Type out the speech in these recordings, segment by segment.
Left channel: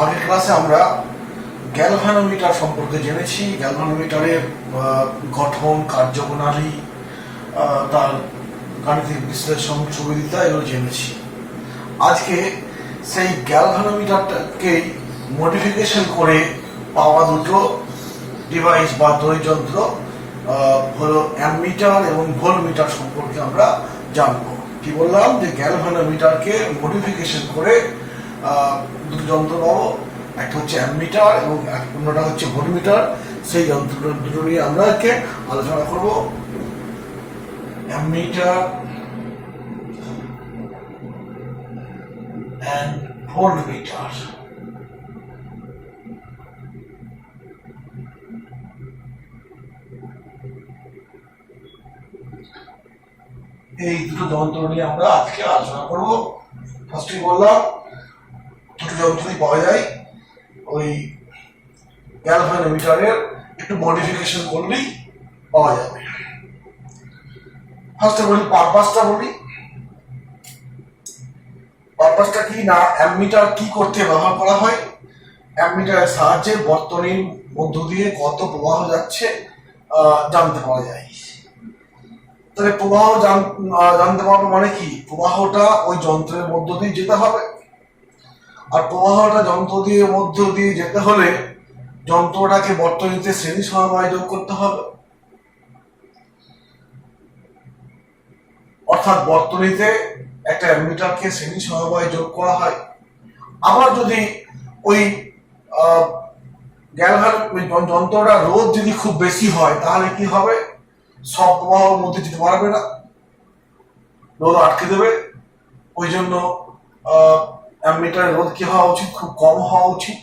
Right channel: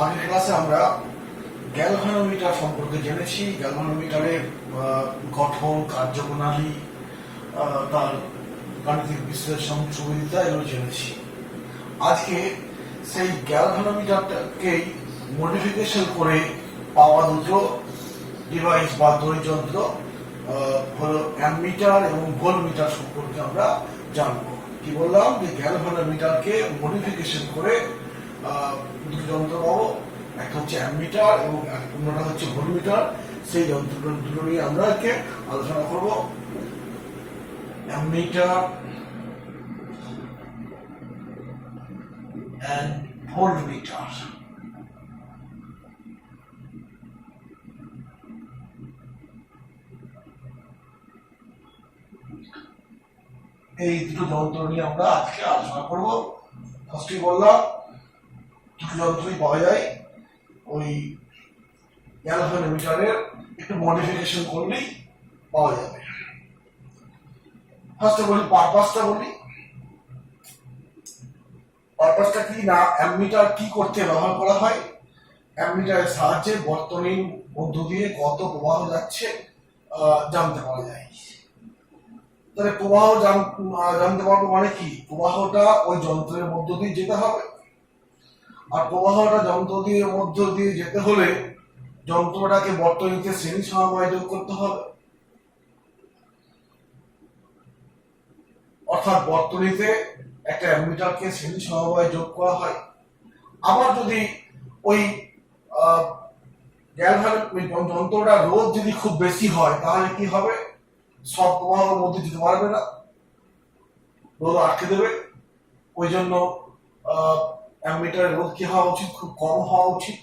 আগের ক্লাসে আমরা গ্যালভানোমিটার সম্পর্কে জেনেছি। গ্যালভানোমিটারের গঠন, কার্যপ্রণালী, তার গাণিতিক বিশ্লেষণ, সুবিধা এগুলো জেনেছি। আজকে সেই গ্যালভানোমিটারটাকেই মডিফিকেশন করে পাওয়া দুটো ডিভাইস বা তড়িৎযন্ত্র হলো অ্যামমিটার এবং ভোল্টমিটার সম্পর্কে আমরা জানবো। কি বললাম যে গ্যালভানোমিটারকে মডিফিকেশন করে দুটো যন্ত্র পাবো, একটা হচ্ছে অ্যামমিটার এবং অন্যটা হচ্ছে ভোল্টমিটার। সেই যন্ত্র দুটো নিয়ে আমরা আলোচনা করব। Ammeter and voltmeter. এই দুটো যন্ত্র নিয়ে আমরা আজকে আলোচনা করব। ফার্স্টে বললাম দুটো যন্ত্রই পাওয়া যায়, ওই গ্যালভানোমিটারের একটু মডিফিকেশন করলেই পাওয়া যাবে। ফার্স্টে বলি পারপাসটা বলি। পারপাসটা কি না, অ্যামমিটার কি করতে ব্যবহার করা হয়? অ্যামমিটারের সাহায্যে বর্তনীর মধ্য দিয়ে কত প্রবাহ যাচ্ছে জানতে পারা যায়। তাহলে প্রবাহ জানতে পারবো মানে কি, প্রবাহটা ওই যন্ত্রের মধ্য দিয়ে যেতে হবে, আর প্রবাহটা যন্ত্র দিয়ে মধ্য দিয়ে যেতে হলে যন্ত্রটাকে বর্তনীতে শ্রেণী সমবায় যোগ করতে হবে। অর্থাৎ বর্তনীতে একটা অ্যামমিটারকে শ্রেণী সমবায় যোগ করা হয়। আবার যদি ওই যন্ত্রটা রোধ যদি খুব বেশি হয় তাহলে কি হবে, সব প্রবাহের মধ্যে যেতে পারবে না, রোধ আটকে দেবে। ওই জন্য অ্যামমিটারের রোধ কি হওয়া উচিত, খুব কম হওয়া উচিত।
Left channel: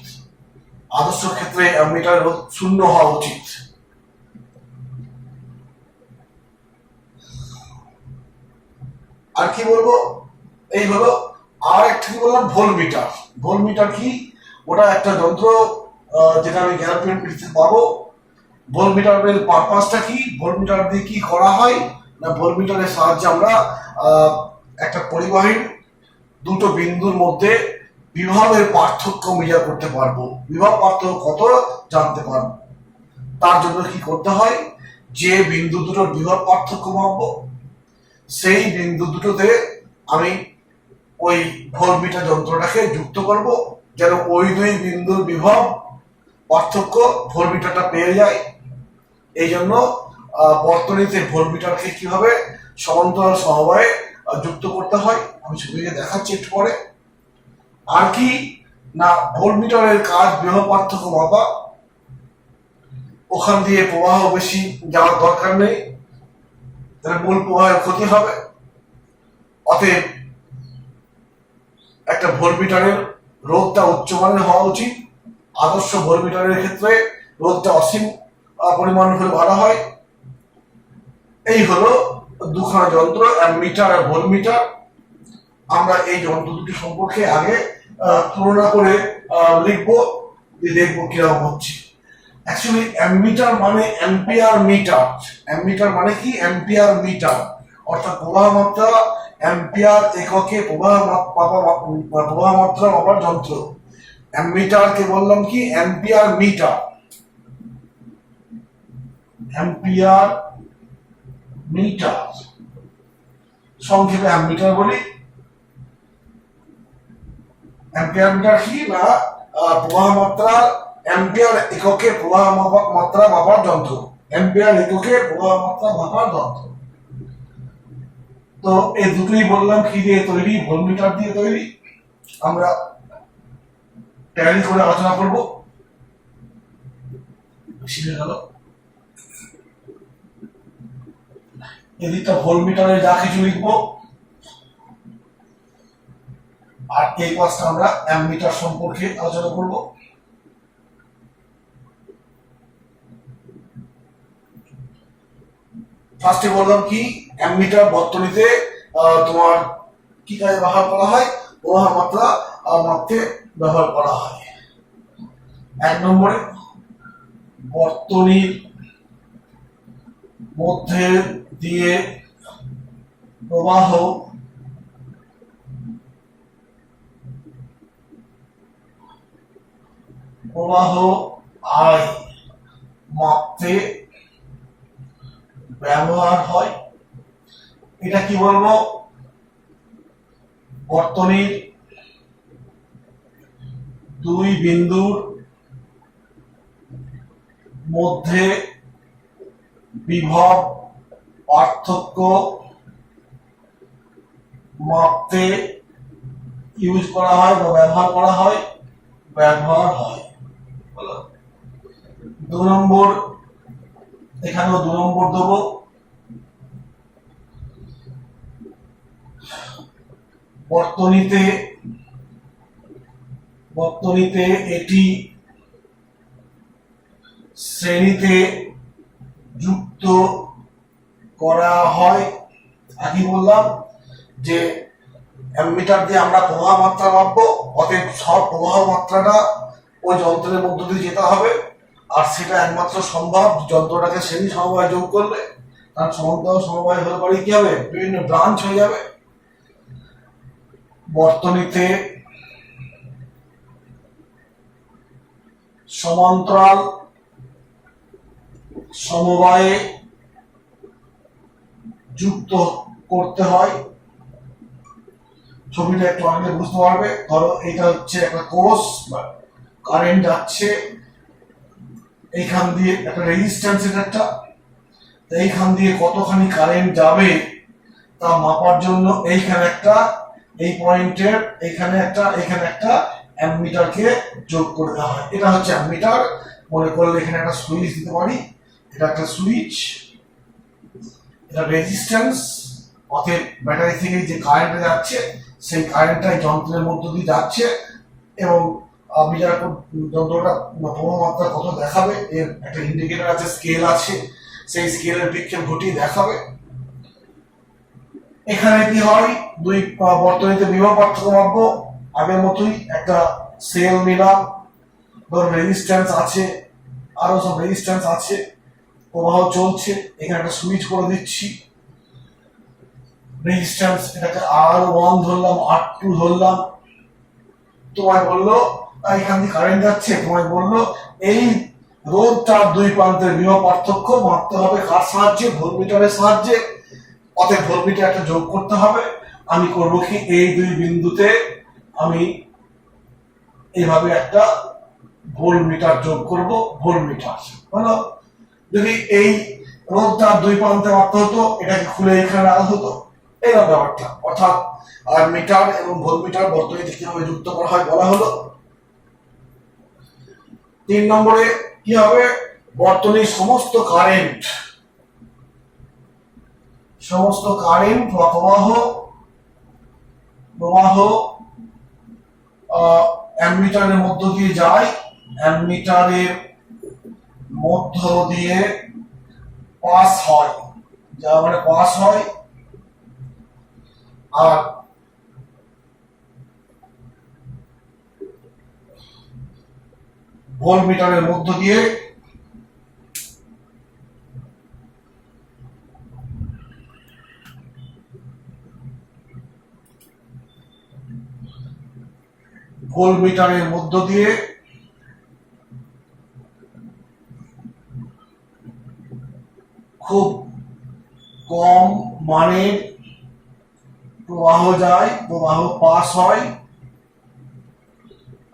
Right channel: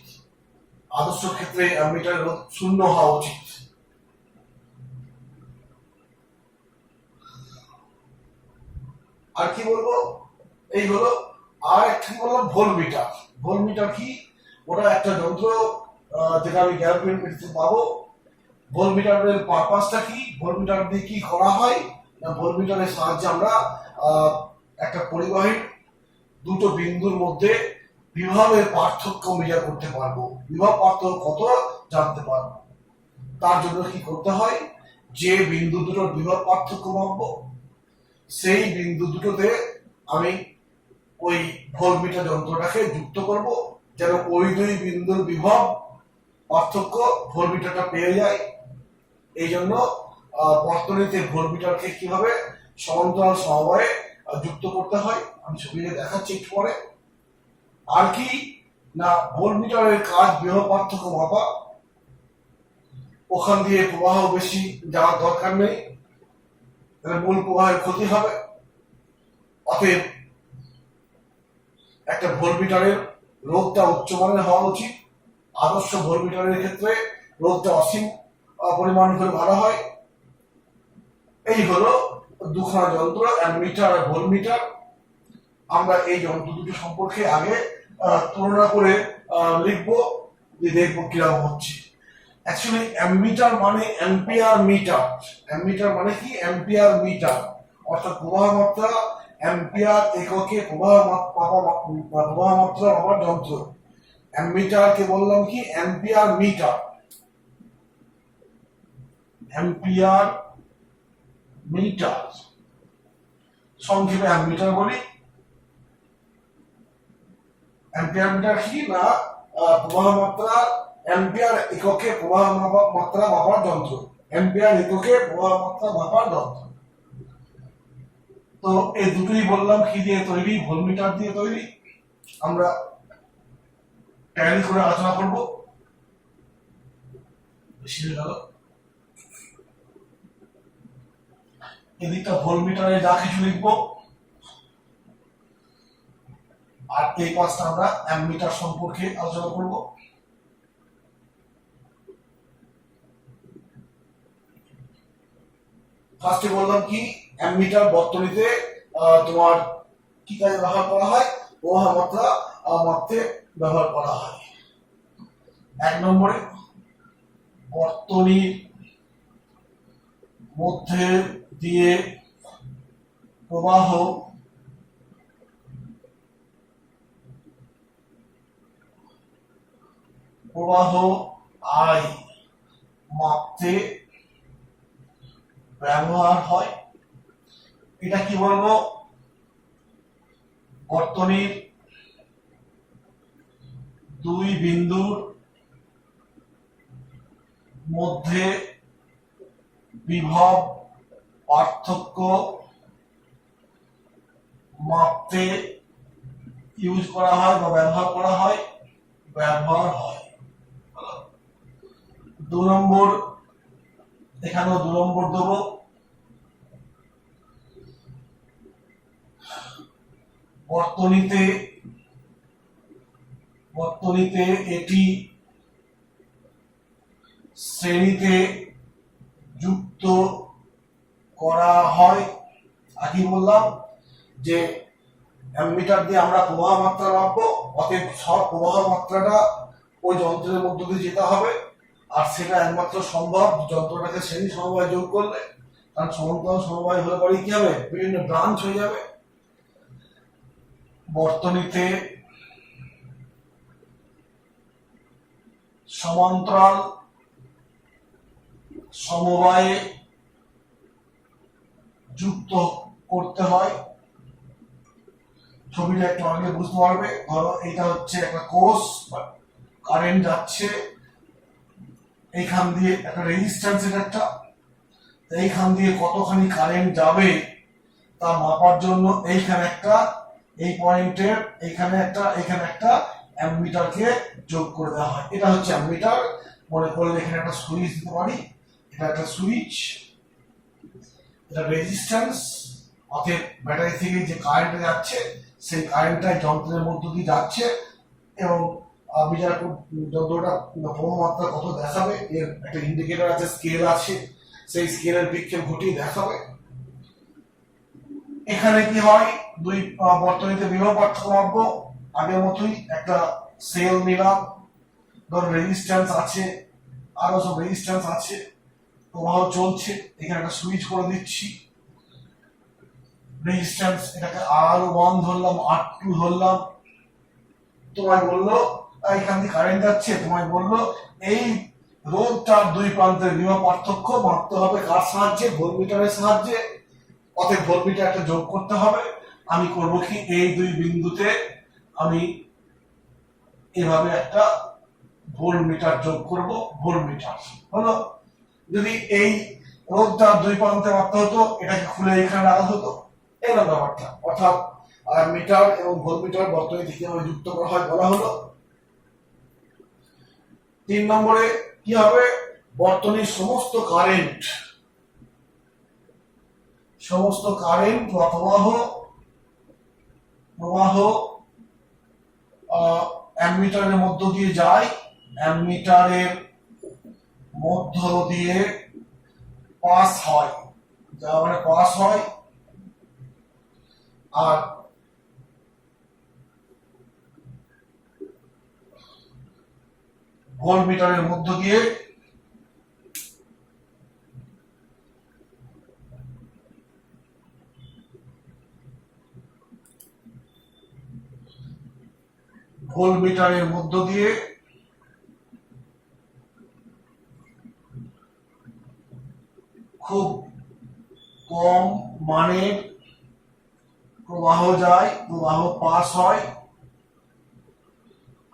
আদর্শ ক্ষেত্রে অ্যামমিটারের রোধ 0 হওয়া উচিত। আর কি বলবো, এই হলো। আর একটা কি বললাম, ভোল্টমিটার। ভোল্টমিটার কি, ওটা একটা যন্ত্র যেটা আমি গ্যালভানোমিটারতে পাবো। ভোল্টমিটারের পারপাসটা কি, ভোল্টমিটার দিয়ে কি করা হয় না, ভোল্টমিটারের সাহায্যে আমরা একটা পরিবাহীর দুটো বিন্দুর মধ্যে বিভবের পার্থক্য মেজার করতে পারবো, বিভব পার্থক্য কত জানতে পারবো। তার জন্য কি করতে হয়, যে বিন্দু দুটোর বিভব পার্থক্য মাপবো সেই বিন্দু দুটোতে আমি ওই ভোল্টমিটার যন্ত্রটাকে যুক্ত করব, যেন ওই দুই বিন্দুর বিভব পার্থক্য ভোল্টমিটারটা পেয়ে যায়। এই জন্য বর্তনীতে ভোল্টমিটারকে কিভাবে সমান্তরাল সমবায়ে যুক্ত করতে হয় আমি ছবিকে দেখাচ্ছি একটু পরে। আর কি না, ভোল্টমিটারের কাজ বিভব পার্থক্য মাপা। ওখান দিয়ে প্রবাহ বেশি যাওয়ার দরকার নেই, তাহলে মূল প্রবাহের ক্ষতি হবে। অতএব একটা ভোল্টমিটারের রোধটা উচ্চমানের হওয়া উচিত। আদর্শ ভোল্টমিটারের ক্ষেত্রে রোধটা অসীম পরিমাণ হলে ভালো হয়। এই হলো দুখানা যন্ত্র, অ্যামমিটার আর ভোল্টমিটার। আমরা এই যন্ত্র দুটি সম্পর্কে আগে তুলনা করে লিখবো, দেখবো কিরকম হচ্ছে। অ্যাকচুয়ালি অ্যামমিটার মানে অ্যাম্পিয়ার মিটার। অ্যামমিটার মানে কি, অ্যাম্পিয়ার মিটার, অর্থাৎ প্রবাহ মাত্রা অ্যাম্পিয়ার এককে প্রবাহ মাত্রা মাপার যন্ত্র। অ্যামমিটারকে বললাম কি, অ্যাম্পিয়ার মিটার। অ্যাম্পিয়ার মিটার সংক্ষেপে অ্যামমিটার বলি। অ্যাম্পিয়ার মিটার কি না, প্রবাহ মাত্রা অ্যাম্পিয়ার এককে প্রবাহ মাত্রা মাপার যন্ত্র। অ্যাম্পিয়ার এককে প্রবাহ মাত্রা মাপার যন্ত্র। তো এই দুটোই বললাম কি দিয়ে তৈরি, ভোল্টমিটার দিয়ে তৈরি। আমরা ট্যালি করে আলোচনা করব। বেশি হয়ে গেল। এদিকটা ভোল্টমিটারে যা কিছু লিখবো, আর এই পাশটা আমরা অ্যামমিটার সম্পর্কে আলোচনা করব। ফার্স্টে বললাম কি, অ্যামমিটার বর্তনীতে তোমার কি কাজে ব্যবহার করা হয়, প্রবাহ মাত্রা মাপতে ব্যবহার করা হয়। এক নম্বরে বর্তনীর মধ্যে দিয়ে প্রবাহ প্রবাহ আই মাপতে ব্যবহার হয়। এটা কি বলবো, বর্তনীর দুই বিন্দুর মধ্যে বিভব পার্থক্য মাপতে ইউজ করা হয় বা ব্যবহার করা হয়, দু নম্বর, এখানেও 2 নম্বর দেবো। বর্তনীতে এটি শ্রেণীতে যুক্ত করা হয়। আগে বললাম যে অ্যামমিটার দিয়ে আমরা প্রবাহ মাত্রা মাপবো, অতএব সব প্রবাহ মাত্রাটা ওই যন্ত্রের মধ্য দিয়ে যেতে হবে, আর সেটা একমাত্র সম্ভব যন্ত্রটাকে শ্রেণী সমবায় যোগ করলে। কারণ সমান্তরাল সমবায় হলে পরে কি হবে, বিভিন্ন ব্রাঞ্চ হয়ে যাবে। বর্তনীতে সমান্তরাল সমবায়ে যুক্ত করতে হয়। ছবিটা একটু আগে বুঝতে পারবে। ধরো এটা হচ্ছে একটা কোষ, কারেন্ট যাচ্ছে এইখান দিয়ে, একটা রেজিস্ট্যান্স, একটা এইখান দিয়ে কতখানি কারেন্ট যাবে তা মাপার জন্য এইখানে একটা, এই পয়েন্টের এখানে একটা অ্যামমিটারকে যোগ করে দেওয়া হয়। এটা হচ্ছে অ্যামমিটার। মনে করলে এখানে একটা সুইচ দিতে পারি, এটা একটা সুইচ, এটা রেজিস্ট্যান্স, অতএব ব্যাটারি থেকে যে কারেন্টটা যাচ্ছে সেই কারেন্টটা যন্ত্রের মধ্য দিয়ে যাচ্ছে, এবং মিটার যন্ত্রটা প্রবাহ মাত্রা কত দেখাবে এর একটা ইন্ডিকেটর আছে, স্কেল আছে, সেই স্কেলের বিক্ষেপ ঘটিয়ে দেখাবে। এখানে কি হয়, দুই বর্তনীতে বিভব পার্থক্য মাপবো, আগের মতোই একটা সেল নিলাম, ধরো রেজিস্ট্যান্স আছে, আরো সব রেজিস্ট্যান্স আছে, প্রবাহ চলছে, এখানে একটা সুইচ করে দিচ্ছি, রেজিস্ট্যান্স এটাকে R1 ধরলাম, R2 ধরলাম। তোমায় বললো এখান দিয়ে কারেন্ট যাচ্ছে, তোমায় বললো এই রোধটার দুই প্রান্তের বিভব পার্থক্য মাপতে হবে কার সাহায্যে, ভোল্টমিটারের সাহায্যে। অতএব ভোল্টমিটার একটা যোগ করতে হবে। আমি করব কি, এই দুই বিন্দুতে আমি এইভাবে একটা ভোল্টমিটার যোগ করব, ভোল্টমিটার হলো। যদি এই রোধটা দুই প্রান্তে মাপতে হতো, এটাকে খুলে এখানে রাখা হতো, এরকম ব্যাপারটা। অর্থাৎ আর মিটার এবং ভোল্টমিটার বর্তনীতে কিভাবে যুক্ত করা হয় বলা হলো। 3 নম্বরে কি হবে, বর্তনীর সমস্ত কারেন্ট বা প্রবাহ অ্যামমিটারের মধ্য দিয়ে যায়, অ্যামমিটারের মধ্য দিয়ে পাস হয়, যা মানে পাস হয়, আর ভোল্টমিটারের মধ্য দিয়ে খুব কম মানের প্রবাহ যায়, প্রবাহ পাস হয়।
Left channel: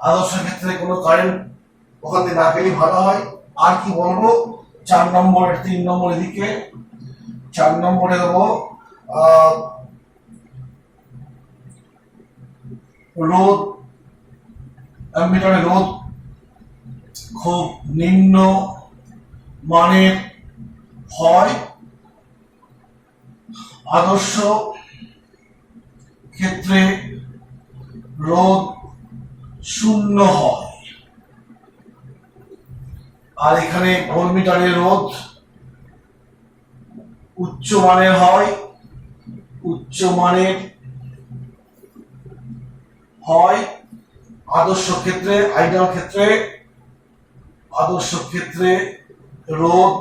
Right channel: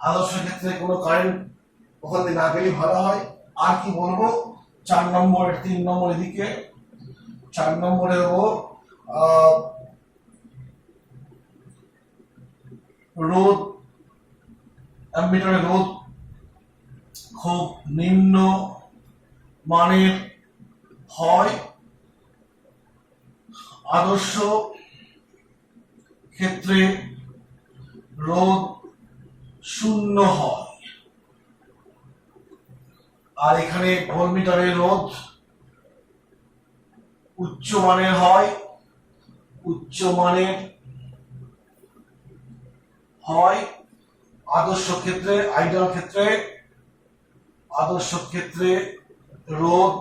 আদর্শ ক্ষেত্রে কোনো কারেন্ট ওখান থেকে না গেলে ভালো হয়। আর কি বলবো, 4 নম্বর, 3 নম্বর এদিকে, 4 নম্বরে দেবো রোধ, অ্যামমিটারের রোধ খুব নিম্ন মানের হয়, আদর্শ ক্ষেত্রে রোধ 0 হয়। আর এখানে ভোল্টমিটারের রোধ উচ্চ মানের হয়, আদর্শ ক্ষেত্রে রোধ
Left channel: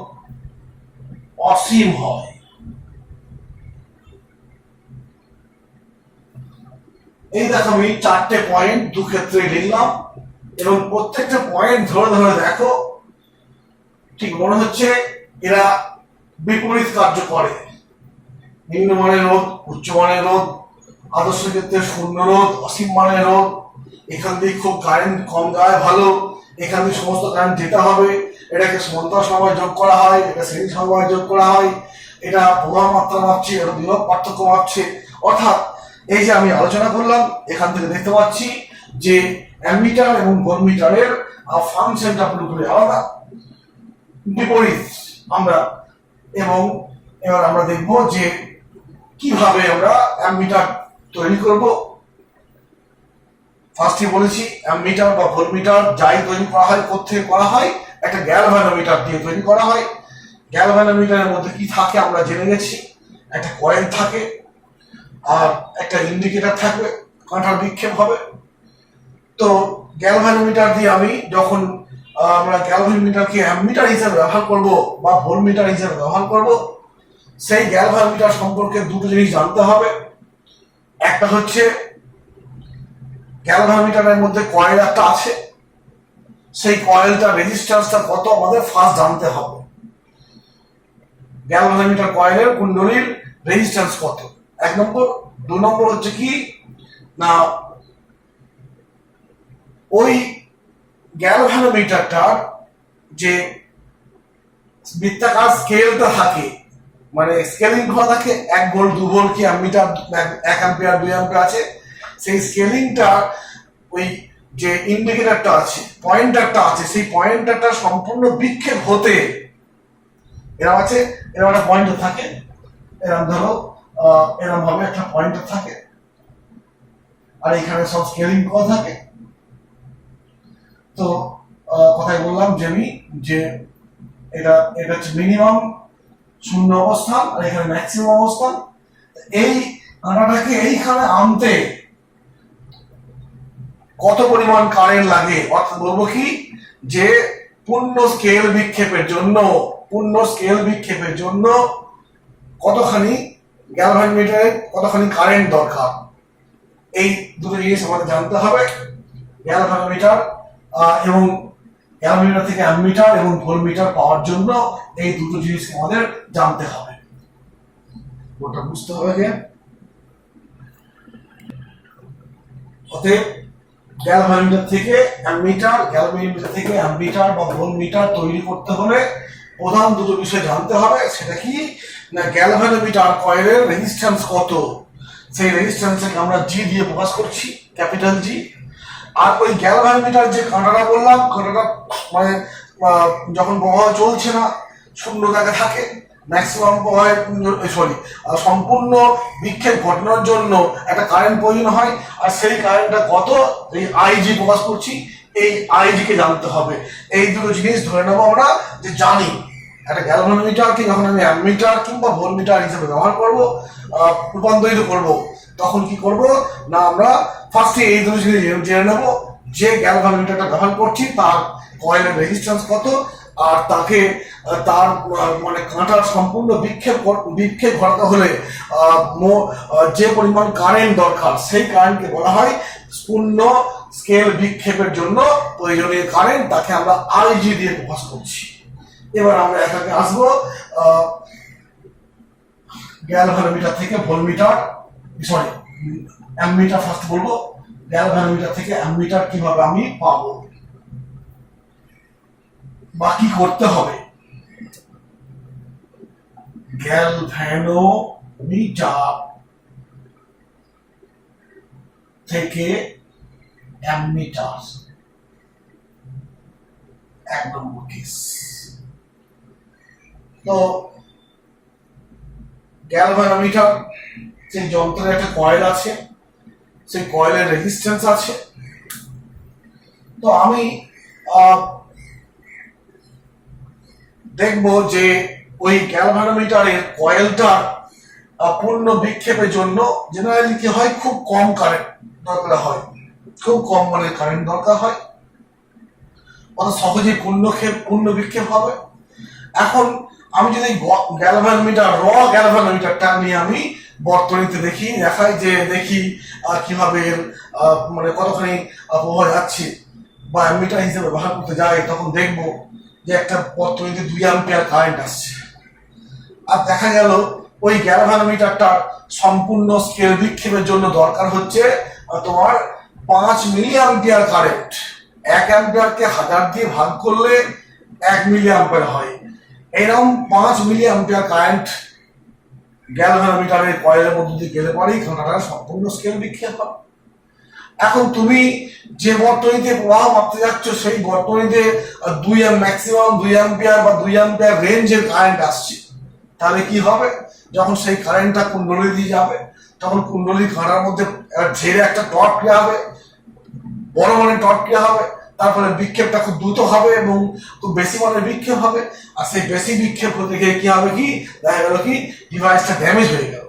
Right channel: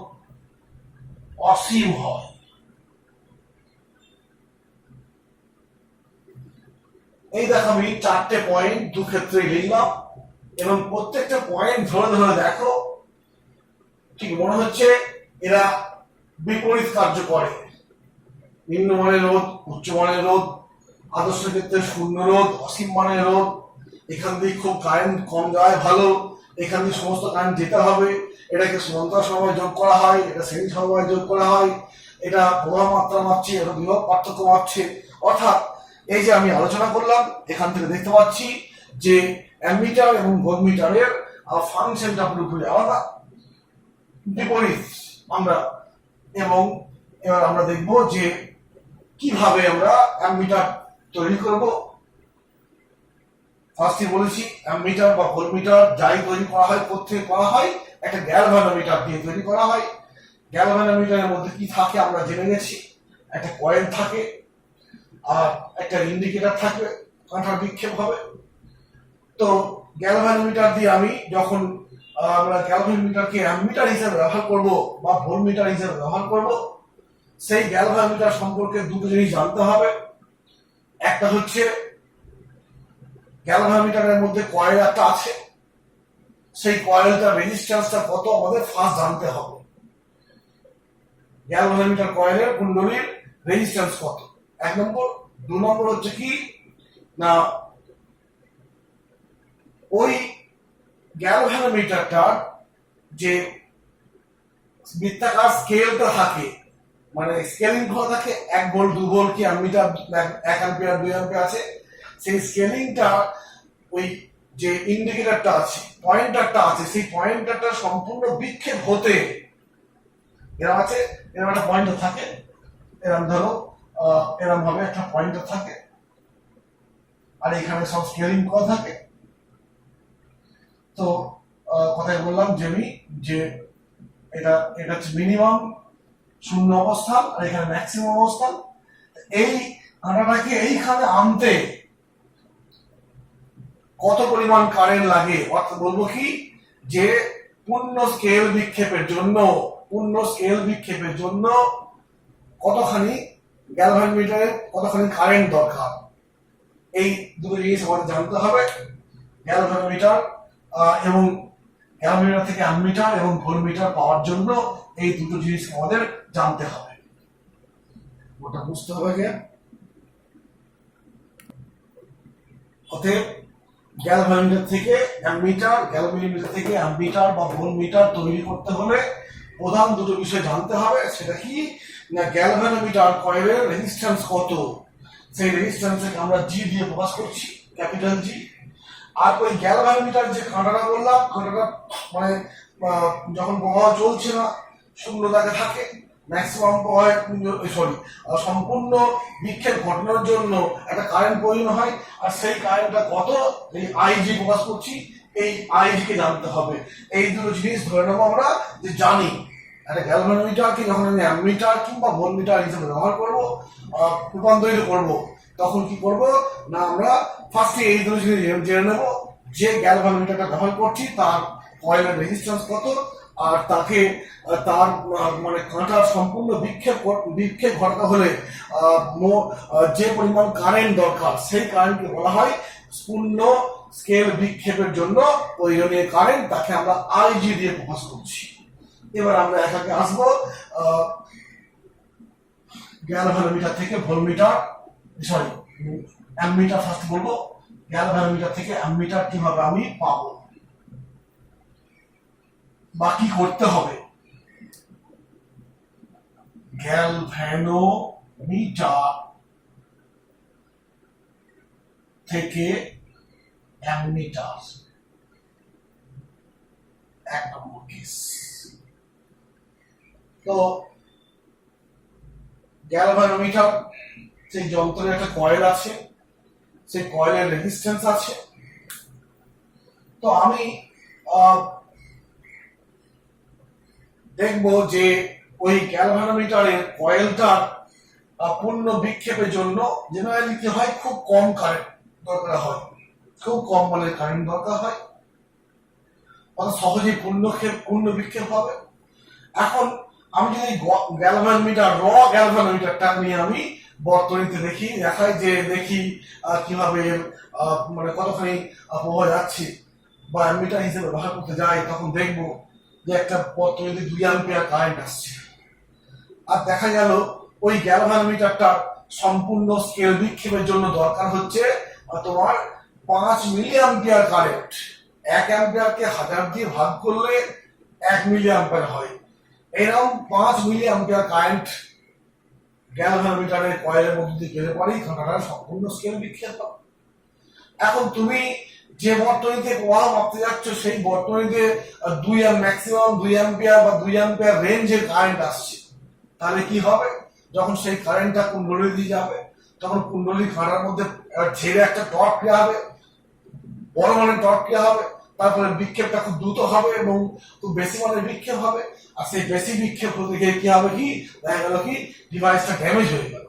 অসীম হয়। এই দেখো আমি 4টে পয়েন্ট দু ক্ষেত্রে লিখলাম। এবং প্রত্যেকটা পয়েন্ট ধরে ধরে দেখো, ঠিক মনে হচ্ছে এরা বিপরীত কার্য করে। নিম্নমানের রোধ, উচ্চমানের রোধ, আদর্শ ক্ষেত্রে শূন্য রোধ, অসীম মানের রোধ, এখান দিয়ে খুব কারেন্ট কম যায় ভালো, এখান দিয়ে সমস্ত কারেন্ট যেতে হবে, এটাকে সমান্তরাল সময় যোগ করা হয়, এটা শ্রেণী সময় যোগ করা হয়, এটা প্রবাহ মাত্রা মাপছে, এটা বিভব পার্থক্য মাপছে। অর্থাৎ এই যে আমি আলোচনা করলাম, এখান থেকে দেখতে পাচ্ছি যে অ্যামিটার এবং ভোল্টমিটারের ফাংশনটা পুরোপুরি আলাদা, বিপরীত আমরা। এবং এবার আমরা দেখব যে কিভাবে আমরা অ্যামিটার তৈরি করব। ফার্স্টে বলেছি অ্যামিটার বা ভোল্টমিটার যাই তৈরি করা হয়, কোত্থেকে করা হয়, একটা গ্যালভানোমিটার দিয়ে তৈরি করা হয়। গ্যালভানোমিটারের মধ্যে কি থাকে আমরা জেনে গেছি, একটা কয়েল থাকে আর একটা ইন্ডিকেটর থাকবে, কাঁটার বিক্ষেপ হবে। তো গ্যালভানোমিটার দিয়ে আমি যখন আমরা গ্যালভানোমিটারকে অ্যামিটার হিসেবে ব্যবহার করব বা ভোল্টমিটার হিসেবে ব্যবহার করব, সেই গ্যালভানোমিটার সম্পর্কে দুটো জিনিস জানতে হবে। একটা হচ্ছে গ্যালভানোমিটারের মধ্যে কয়েল একটা আছে, সেই কয়েলটার রেজিস্ট্যান্সটা কত আমাদের ফার্স্ট জানতে হবে। গ্যালভানোমিটার কয়েলের কুণ্ডলীর রেজিস্ট্যান্স কত, এক নম্বর। দু নম্বর হচ্ছে কি না, ওই গ্যালভানোমিটারটার যে বৃত্তাকার স্কেলটা থাকে, মানে স্কেলিং করা থাকে, 1 ভোল্ট 2 ভোল্ট কি অ্যামিটার 1 অ্যাম্পিয়ার 2 অ্যাম্পিয়ার আছে, সেই স্কেলিংটা ওই যে ইন্ডিকেটরটা আছে, পয়েন্টারটা আছে, সেই পয়েন্টারটা সম্পূর্ণ বিক্ষেপ হতে এরকম আছে, এরকম একটা পয়েন্টার থাকে, এরকম ধরো এরকম ভাবে একটা পয়েন্টার থাকে, আর এখানে সব স্কেলিং করা থাকে। তো কথাই বললাম যে আমি যে এটা হচ্ছে মিনিমাম শূন্য অবস্থান আর এখানে ম্যাক্সিমাম অবস্থান। এই কাঁটাটাকে এইখানে আনতে কত পরিমাণ কারেন্ট লাগে, অর্থাৎ বলবো কি যে পূর্ণ স্কেল বিক্ষেপের জন্য কতখানি গ্যালভানোমিটারে কতখানি কারেন্ট দরকার, এই দুটো জিনিস আমাদের জানতে হবে। গ্যালভানোমিটার এবং গ্যালভানোমিটার থেকে অ্যামিটার এবং ভোল্টমিটার পাওয়ার জন্য এই দুটো জিনিস আমাদের জানতে হবে, ওটা বুঝতে হবে। যে অতএব গ্যালভানোমিটার থেকে অ্যামিটার বা ভোল্টমিটার তৈরি করতে হলে প্রধান দুটো বিষয় জানতে হবে। সেটা কি না, গ্যালভানোমিটার কয়েলের রেজিস্ট্যান্স কত, সেই রেজিস্ট্যান্সকে আমরা জি দিয়ে প্রকাশ করছি, ক্যাপিটাল জি। আর ওই গ্যালভানোমিটার যে কাঁটাটা বললাম, কাঁটাটা মানে যখন প্রবাহ চলছে না, শূন্য জায়গায় থাকে, ম্যাক্সিমাম প্রবাহের সম্পূর্ণ বিক্ষেপ ঘটানোর জন্য একটা কারেন্ট প্রয়োজন হয়, আর সেই কারেন্টটা কত, এই আইজি প্রকাশ করছি, এই আইজি কে জানতে হবে। এই দুটো জিনিস ধরে নেবো আমরা যে জানি। একটা গ্যালভানোমিটারকে যখন আমি অ্যামিটার কিংবা ভোল্টমিটার হিসেবে ব্যবহার করব, রূপান্তরিত করব, তখন কি করব না, আমরা ফার্স্টে এই দুটো জিনিস জেনে নেব যে গ্যালভানোমিটারটা ব্যবহার করছি তার কয়েলের রেজিস্ট্যান্স কত, আর তাকে তার মানে কাঁটার সম্পূর্ণ বিক্ষেপ ঘটাতে হলে যে পরিমাণ কারেন্ট দরকার, সেই কারেন্টকে বলা হয় পূর্ণ স্কেল বিক্ষেপের জন্য প্রয়োজনীয় কারেন্ট, তাকে আমরা আইজি দিয়ে প্রকাশ করছি। এবার আমরা এটাকে আসবো গ্যালভানোমিটার থেকে ভোল্টমিটার, সরি অ্যামিটার ফার্স্ট বলবো। গ্যালভানোমিটার থেকে অ্যামিটার কিভাবে আমি পাবো বা কি করতে হবে। গ্যালভানোমিটার থেকে অ্যামিটার, 1 নম্বর কেস। তো গ্যালভানোমিটার সেই যন্ত্রের একটা কয়েল আছে, সেই কয়েলের রেজিস্ট্যান্স আছে। তো আমি দেখবো যে ওই গ্যালভানোমিটারের কয়েলটার পূর্ণ বিক্ষেপের জন্য জেনারেলি কি হয়, খুব কম কারেন্ট দরকার হয়, খুব কম মানের কারেন্ট দরকার হয়, অত সহজে পূর্ণ বিক্ষেপ হবে। এখন আমি যদি গ্যালভানোমিটারটা নিয়ে আমি বর্তনীতে দেখাই যে দেখি কিভাবে মানে কতখানি প্রবাহ যাচ্ছে, বা অ্যামিটার হিসেবে ব্যবহার করতে যাই, তখন দেখবো যে একটা বর্তনীতে 2 অ্যাম্পিয়ার কারেন্ট আসছে। আর দেখা গেল ওই গ্যালভানোমিটারটা সম্পূর্ণ স্কেল বিক্ষেপের জন্য দরকার হচ্ছে তোমার 5 মিলি অ্যাম্পিয়ার কারেন্ট। 1 অ্যাম্পিয়ারকে 1000 দিয়ে ভাগ করলে 1 মিলি অ্যাম্পিয়ার হয়। এরকম 5 মিলি অ্যাম্পিয়ার কারেন্ট গ্যালভানোমিটারের কয়েলের মধ্যে দিয়ে গেলে পরেই ঘটনাটা সম্পূর্ণ স্কেল বিক্ষেপ হয়। এখন তুমি যে বর্তনীতে প্রবাহ মাপতে যাচ্ছ সেই বর্তনীতে ম্যাক্সিমাম 2 অ্যাম্পিয়ার বা 2 অ্যাম্পিয়ার রেঞ্জের কারেন্ট আসছে, তাহলে কি হবে? যখন সেই কারেন্টটা কুণ্ডলী দিয়ে যাবে তখন কুণ্ডলী কাঁটার মধ্যে ঝেড়ে একটা টর্ক ক্রিয়া হবে, বড় মানের টর্ক ক্রিয়া হবে, তারপরে বিক্ষেপটা খুব দ্রুত হবে এবং খুব বেশি মানের বিক্ষেপ হবে। আর সেই বেশি বিক্ষেপ হতে গিয়ে কি হবে, কি দেখা গেল কি ডিভাইসটা ড্যামেজ হয়ে গেল,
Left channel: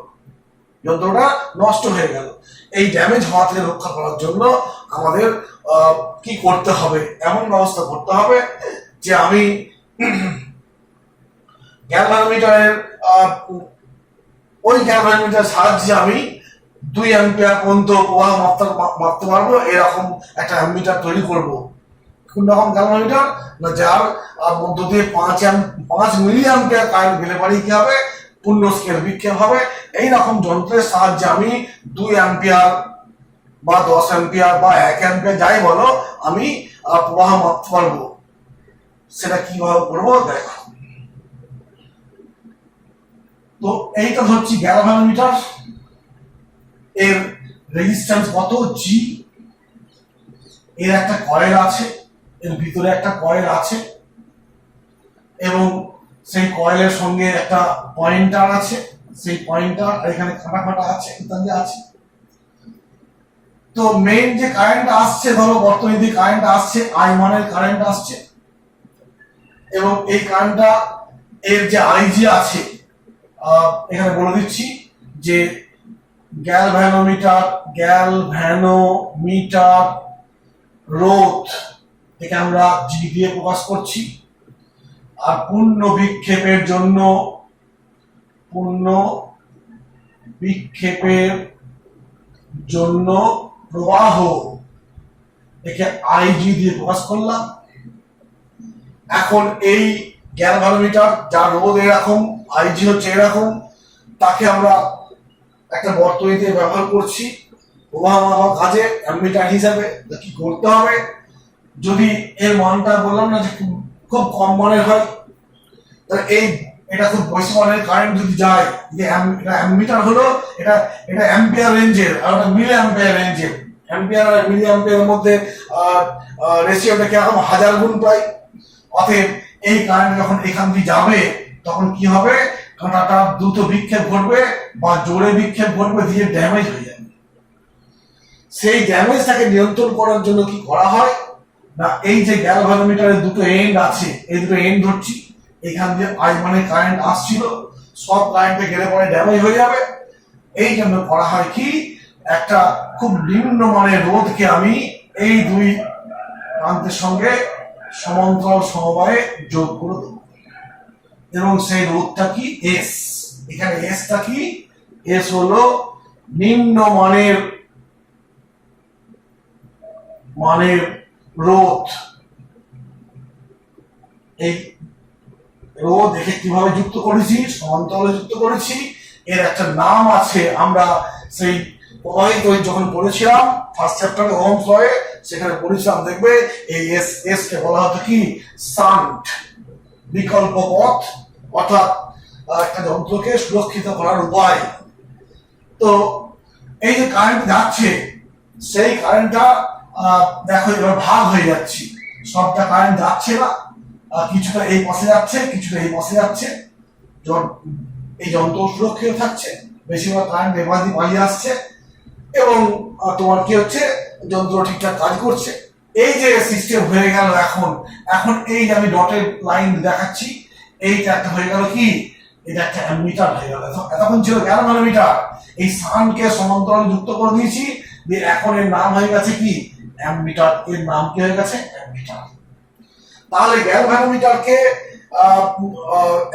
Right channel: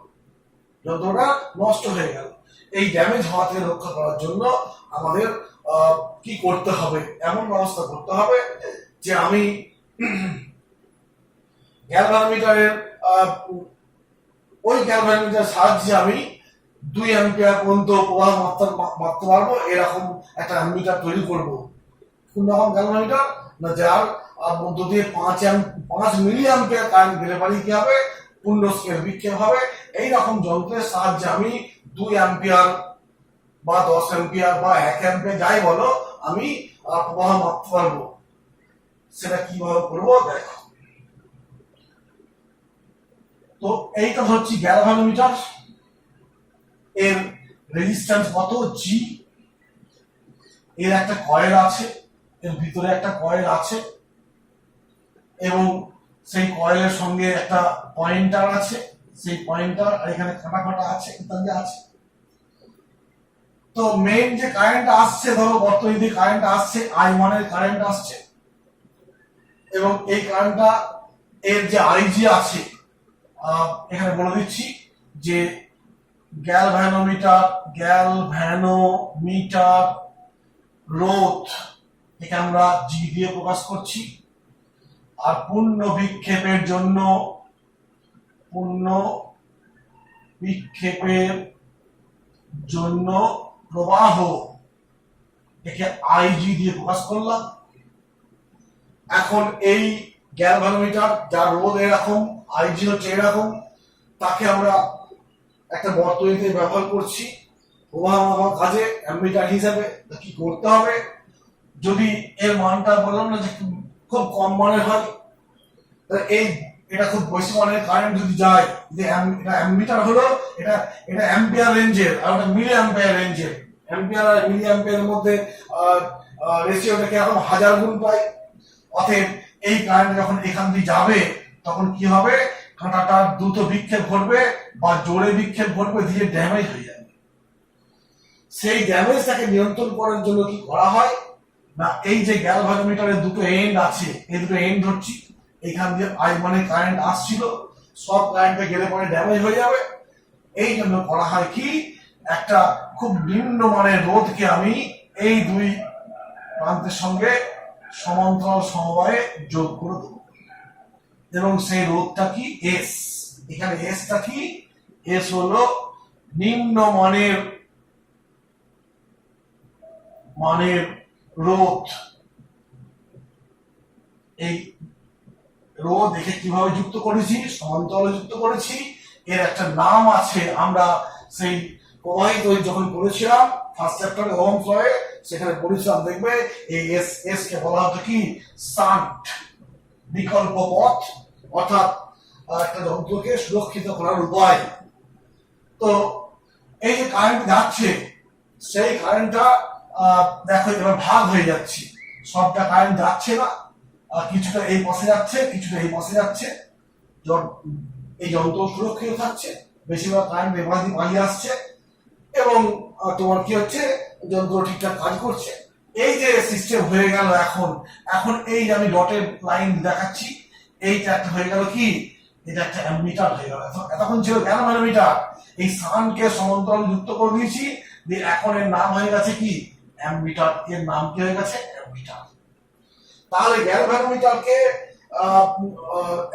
যন্ত্রটা নষ্ট হয়ে গেল। এই ড্যামেজ হওয়া থেকে রক্ষা করার জন্য আমাদের কি করতে হবে, এমন ব্যবস্থা করতে হবে যে আমি গ্যালভানোমিটারের ওই গ্যালভানোমিটারের সাহায্যে আমি 2 অ্যাম্পিয়ার পর্যন্ত প্রবাহ মাপতে পারবো, এরকম একটা অ্যামিটার তৈরি করব। কোন রকম গ্যালভানোমিটার না, যার মধ্য দিয়ে 5 মিলি অ্যাম্পিয়ার কারেন্ট গেলে পারি কি হবে, পূর্ণ স্কেল বিক্ষেপ হবে। এইরকম যন্ত্রের সাহায্যে আমি 2 অ্যাম্পিয়ার বা 10 অ্যাম্পিয়ার বা 1 অ্যাম্পিয়ার যাই বলো আমি প্রবাহ মাপতে পারবো। সেটা কিভাবে করবো দেখো। তো এইটা হচ্ছে গ্যালভানোমিটার, এর রেজিস্ট্যান্স কত জি, এর একটা কয়েল আছে, এর ভিতরে একটা কয়েল আছে এবং সেই কয়েলের সঙ্গে একটা পয়েন্টার আছে, সেই পয়েন্টার এখানে কাটা কাটা আছে ইত্যাদি আছে। তো মেইন যে কারেন্ট আসছে, ধরো বর্তনী দিয়ে কারেন্ট আসছে, আই মানের কারেন্ট আসছে এবং এই কারেন্টটা এর যে আইজি আছে এখানে বলে দিচ্ছি যে গ্যালভানোমিটার রোধ একে আমরা জি দিয়ে প্রকাশ করছি। আর পূর্ণ বিক্ষেপের জন্য প্রবাহ একে আইজি দিয়ে প্রকাশ করলাম। এখন এই গ্যালভানোমিটার যার রোধ এরকম, আইজি হচ্ছে এরকম, তাকে আমরা একটা বর্তনীতে ব্যবহার করছি প্রবাহ মাপার কাজে অ্যামিটার হিসাবে। কি করতে হবে, যদি এর মানটা বললাম না যে খুব কম মানের হয়, তাহলে এটা খুব বেশি মানের কারেন্ট যদি যায়, যে অ্যামিটার হলো এটা অ্যাম্পিয়ার রেঞ্জের আর ওটা মিলি অ্যাম্পিয়ার রেঞ্জের। অ্যাম্পিয়ার আর মিলি অ্যাম্পিয়ারের মধ্যে রেশিওটা কিরকম 1000 গুণ প্রায়। অতএব এই কারেন্ট যখন এখান দিয়ে যাবে তখন কি হবে, কাঁটাটা দ্রুত বিক্ষেপ ঘটবে বা জোরে বিক্ষেপ ঘটবে, দিয়ে ড্যামেজ হয়ে যাবে। সেই ড্যামেজটাকে নিয়ন্ত্রণ করার জন্য কি করা হয় না, এই যে গ্যালভানোমিটারের দুটো এন্ড আছে, এই দুটো এন্ড ধরছি, এখান দিয়ে আই মানে কারেন্ট আসছিল, সব কারেন্টে গেলে পরে ড্যামেজ হয়ে যাবে। এই জন্য করা হয় কি, একটা খুব নিম্ন মানের রোধকে আমি এই দুই প্রান্তের সঙ্গে সমান্তরাল সমবায়ে যোগ করে দেবো এবং সেই রোধটা কি এস। এখানে এসটা কি, এস হলো নিম্ন মানের রোধ। এই রোধ একে কিভাবে যুক্ত করেছি, সমান্তরালে যুক্ত করেছি। এর একটা নাম আছে, আমরা সেই প্রবাহিত যখন পড়েছিলাম ফার্স্ট চ্যাপ্টারে ওহমস লয়ে, সেখানে পড়েছিলাম, দেখবে এই এস কে বলা হতো কি শান্ট, বিকল্প পথ, অর্থাৎ একটা যন্ত্রকে সুরক্ষিত করার উপায়। তো এই যে কারেন্ট যাচ্ছে, সেই কারেন্টটা দেখো এবার ভাগ হয়ে যাচ্ছে, সবটা কারেন্ট যাচ্ছে না, কিছুটা এই পাশে যাচ্ছে, কিছুটা এই পাশে যাচ্ছে, এই যন্ত্র সুরক্ষিত থাকছে, বেশিরভাগ কারেন্ট এবার দিয়ে পালিয়ে আসছে এবং তোমার কি হচ্ছে, যন্ত্র ঠিকঠাক কাজ করছে। এই যে সিস্টেম হয়ে গেল, এখন এই যে আমি ডটের লাইন দেখাচ্ছি, এইটা একটা হয়ে গেল কি, এটা একটা অ্যামিটার হয়ে গেল। এতক্ষণ ছিল গ্যালভানোমিটার, এই সানকে সমান্তরালে যুক্ত করে দিয়েছি, দিয়ে এখন এর নাম হয়ে গেছে কি অ্যামিটার। এর নাম কি হয়ে গেছে, অ্যামিটার। তাহলে গ্যালভানোমিটারকে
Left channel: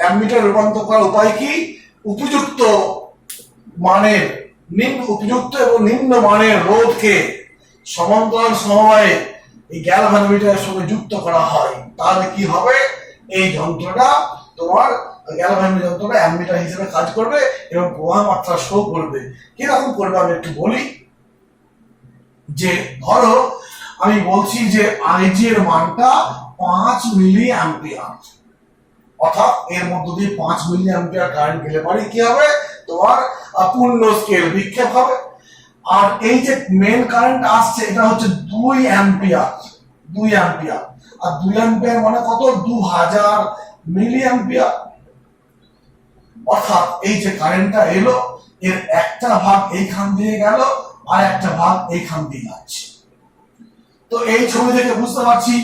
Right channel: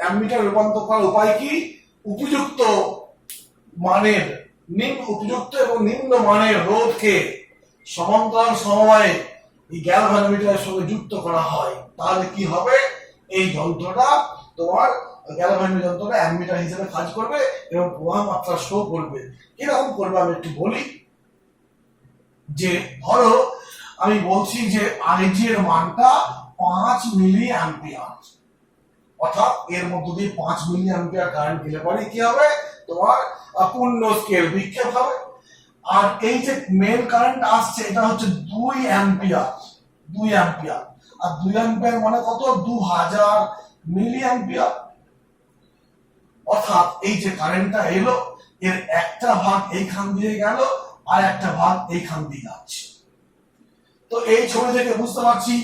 অ্যামিটার রূপান্তর করার উপায় কি, উপযুক্ত এবং নিম্ন মানের রোধকে সমান্তরাল সমবায়ে এই গ্যালভানোমিটারের সঙ্গে যুক্ত করা হয়, তাহলে কি হবে, এই যন্ত্রটা তোমার গ্যালভানোমিটার যন্ত্রটা অ্যামিটার হিসেবে কাজ করবে এবং প্রবাহ মাত্রা শো করবে। কিরকম করবে আমি একটু বলি। যে ধরো আমি বলছি যে আইজি এর মানটা 5 মিলি অ্যাম্পিয়ার, অর্থাৎ এর মধ্য দিয়ে 5 মিলি অ্যাম্পিয়ার কারেন্ট গেলে পরে কি হবে, তোমার পূর্ণ স্কেল বিক্ষেপ হবে। আর এই যে মেন কারেন্ট আসছে এটা হচ্ছে 2 অ্যাম্পিয়ার, 2 অ্যাম্পিয়ার। আর 2 অ্যাম্পিয়ার মানে কত, 2000 মিলি অ্যাম্পিয়ার। অর্থাৎ এই যে কারেন্টটা এলো, এর একটা ভাগ এইখান দিয়ে গেল আর একটা ভাগ এইখান দিয়ে যাচ্ছে। তো এই ছবি থেকে বুঝতে পারছি